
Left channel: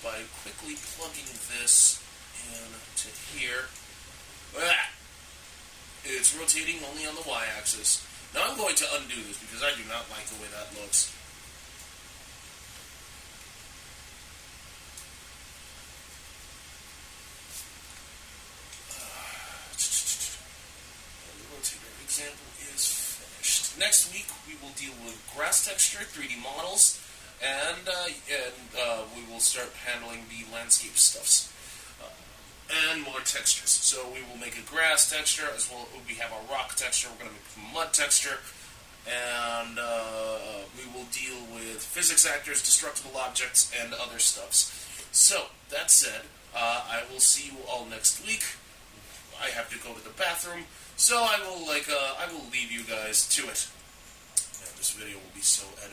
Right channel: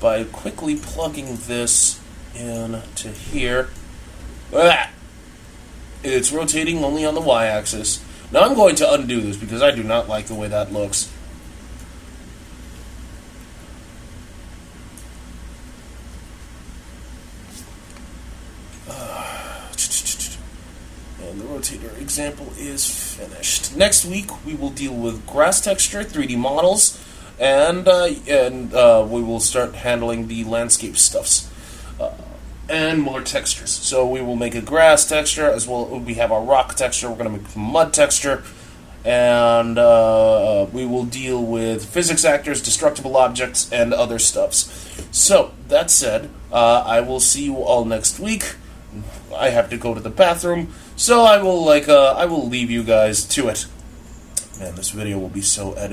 by quickly plugging this in to here. It's rotating only on the y-axis. Now I'm going to undo this because I do not like the way that looks. And the rotator example is finished. Next week we will deal with grass texture, 3D models, and we will start handling the landscape stuffs. And more textures. So we will make a grass texture, as well we have a rock texture, we're going to make a mud texture, and we will deal with physics actors, destructible objects, and other stuffs. So, that said, I will see you all next week. I have to go to the bathroom, so I will leave you guys to it. Man, this video will be so edited.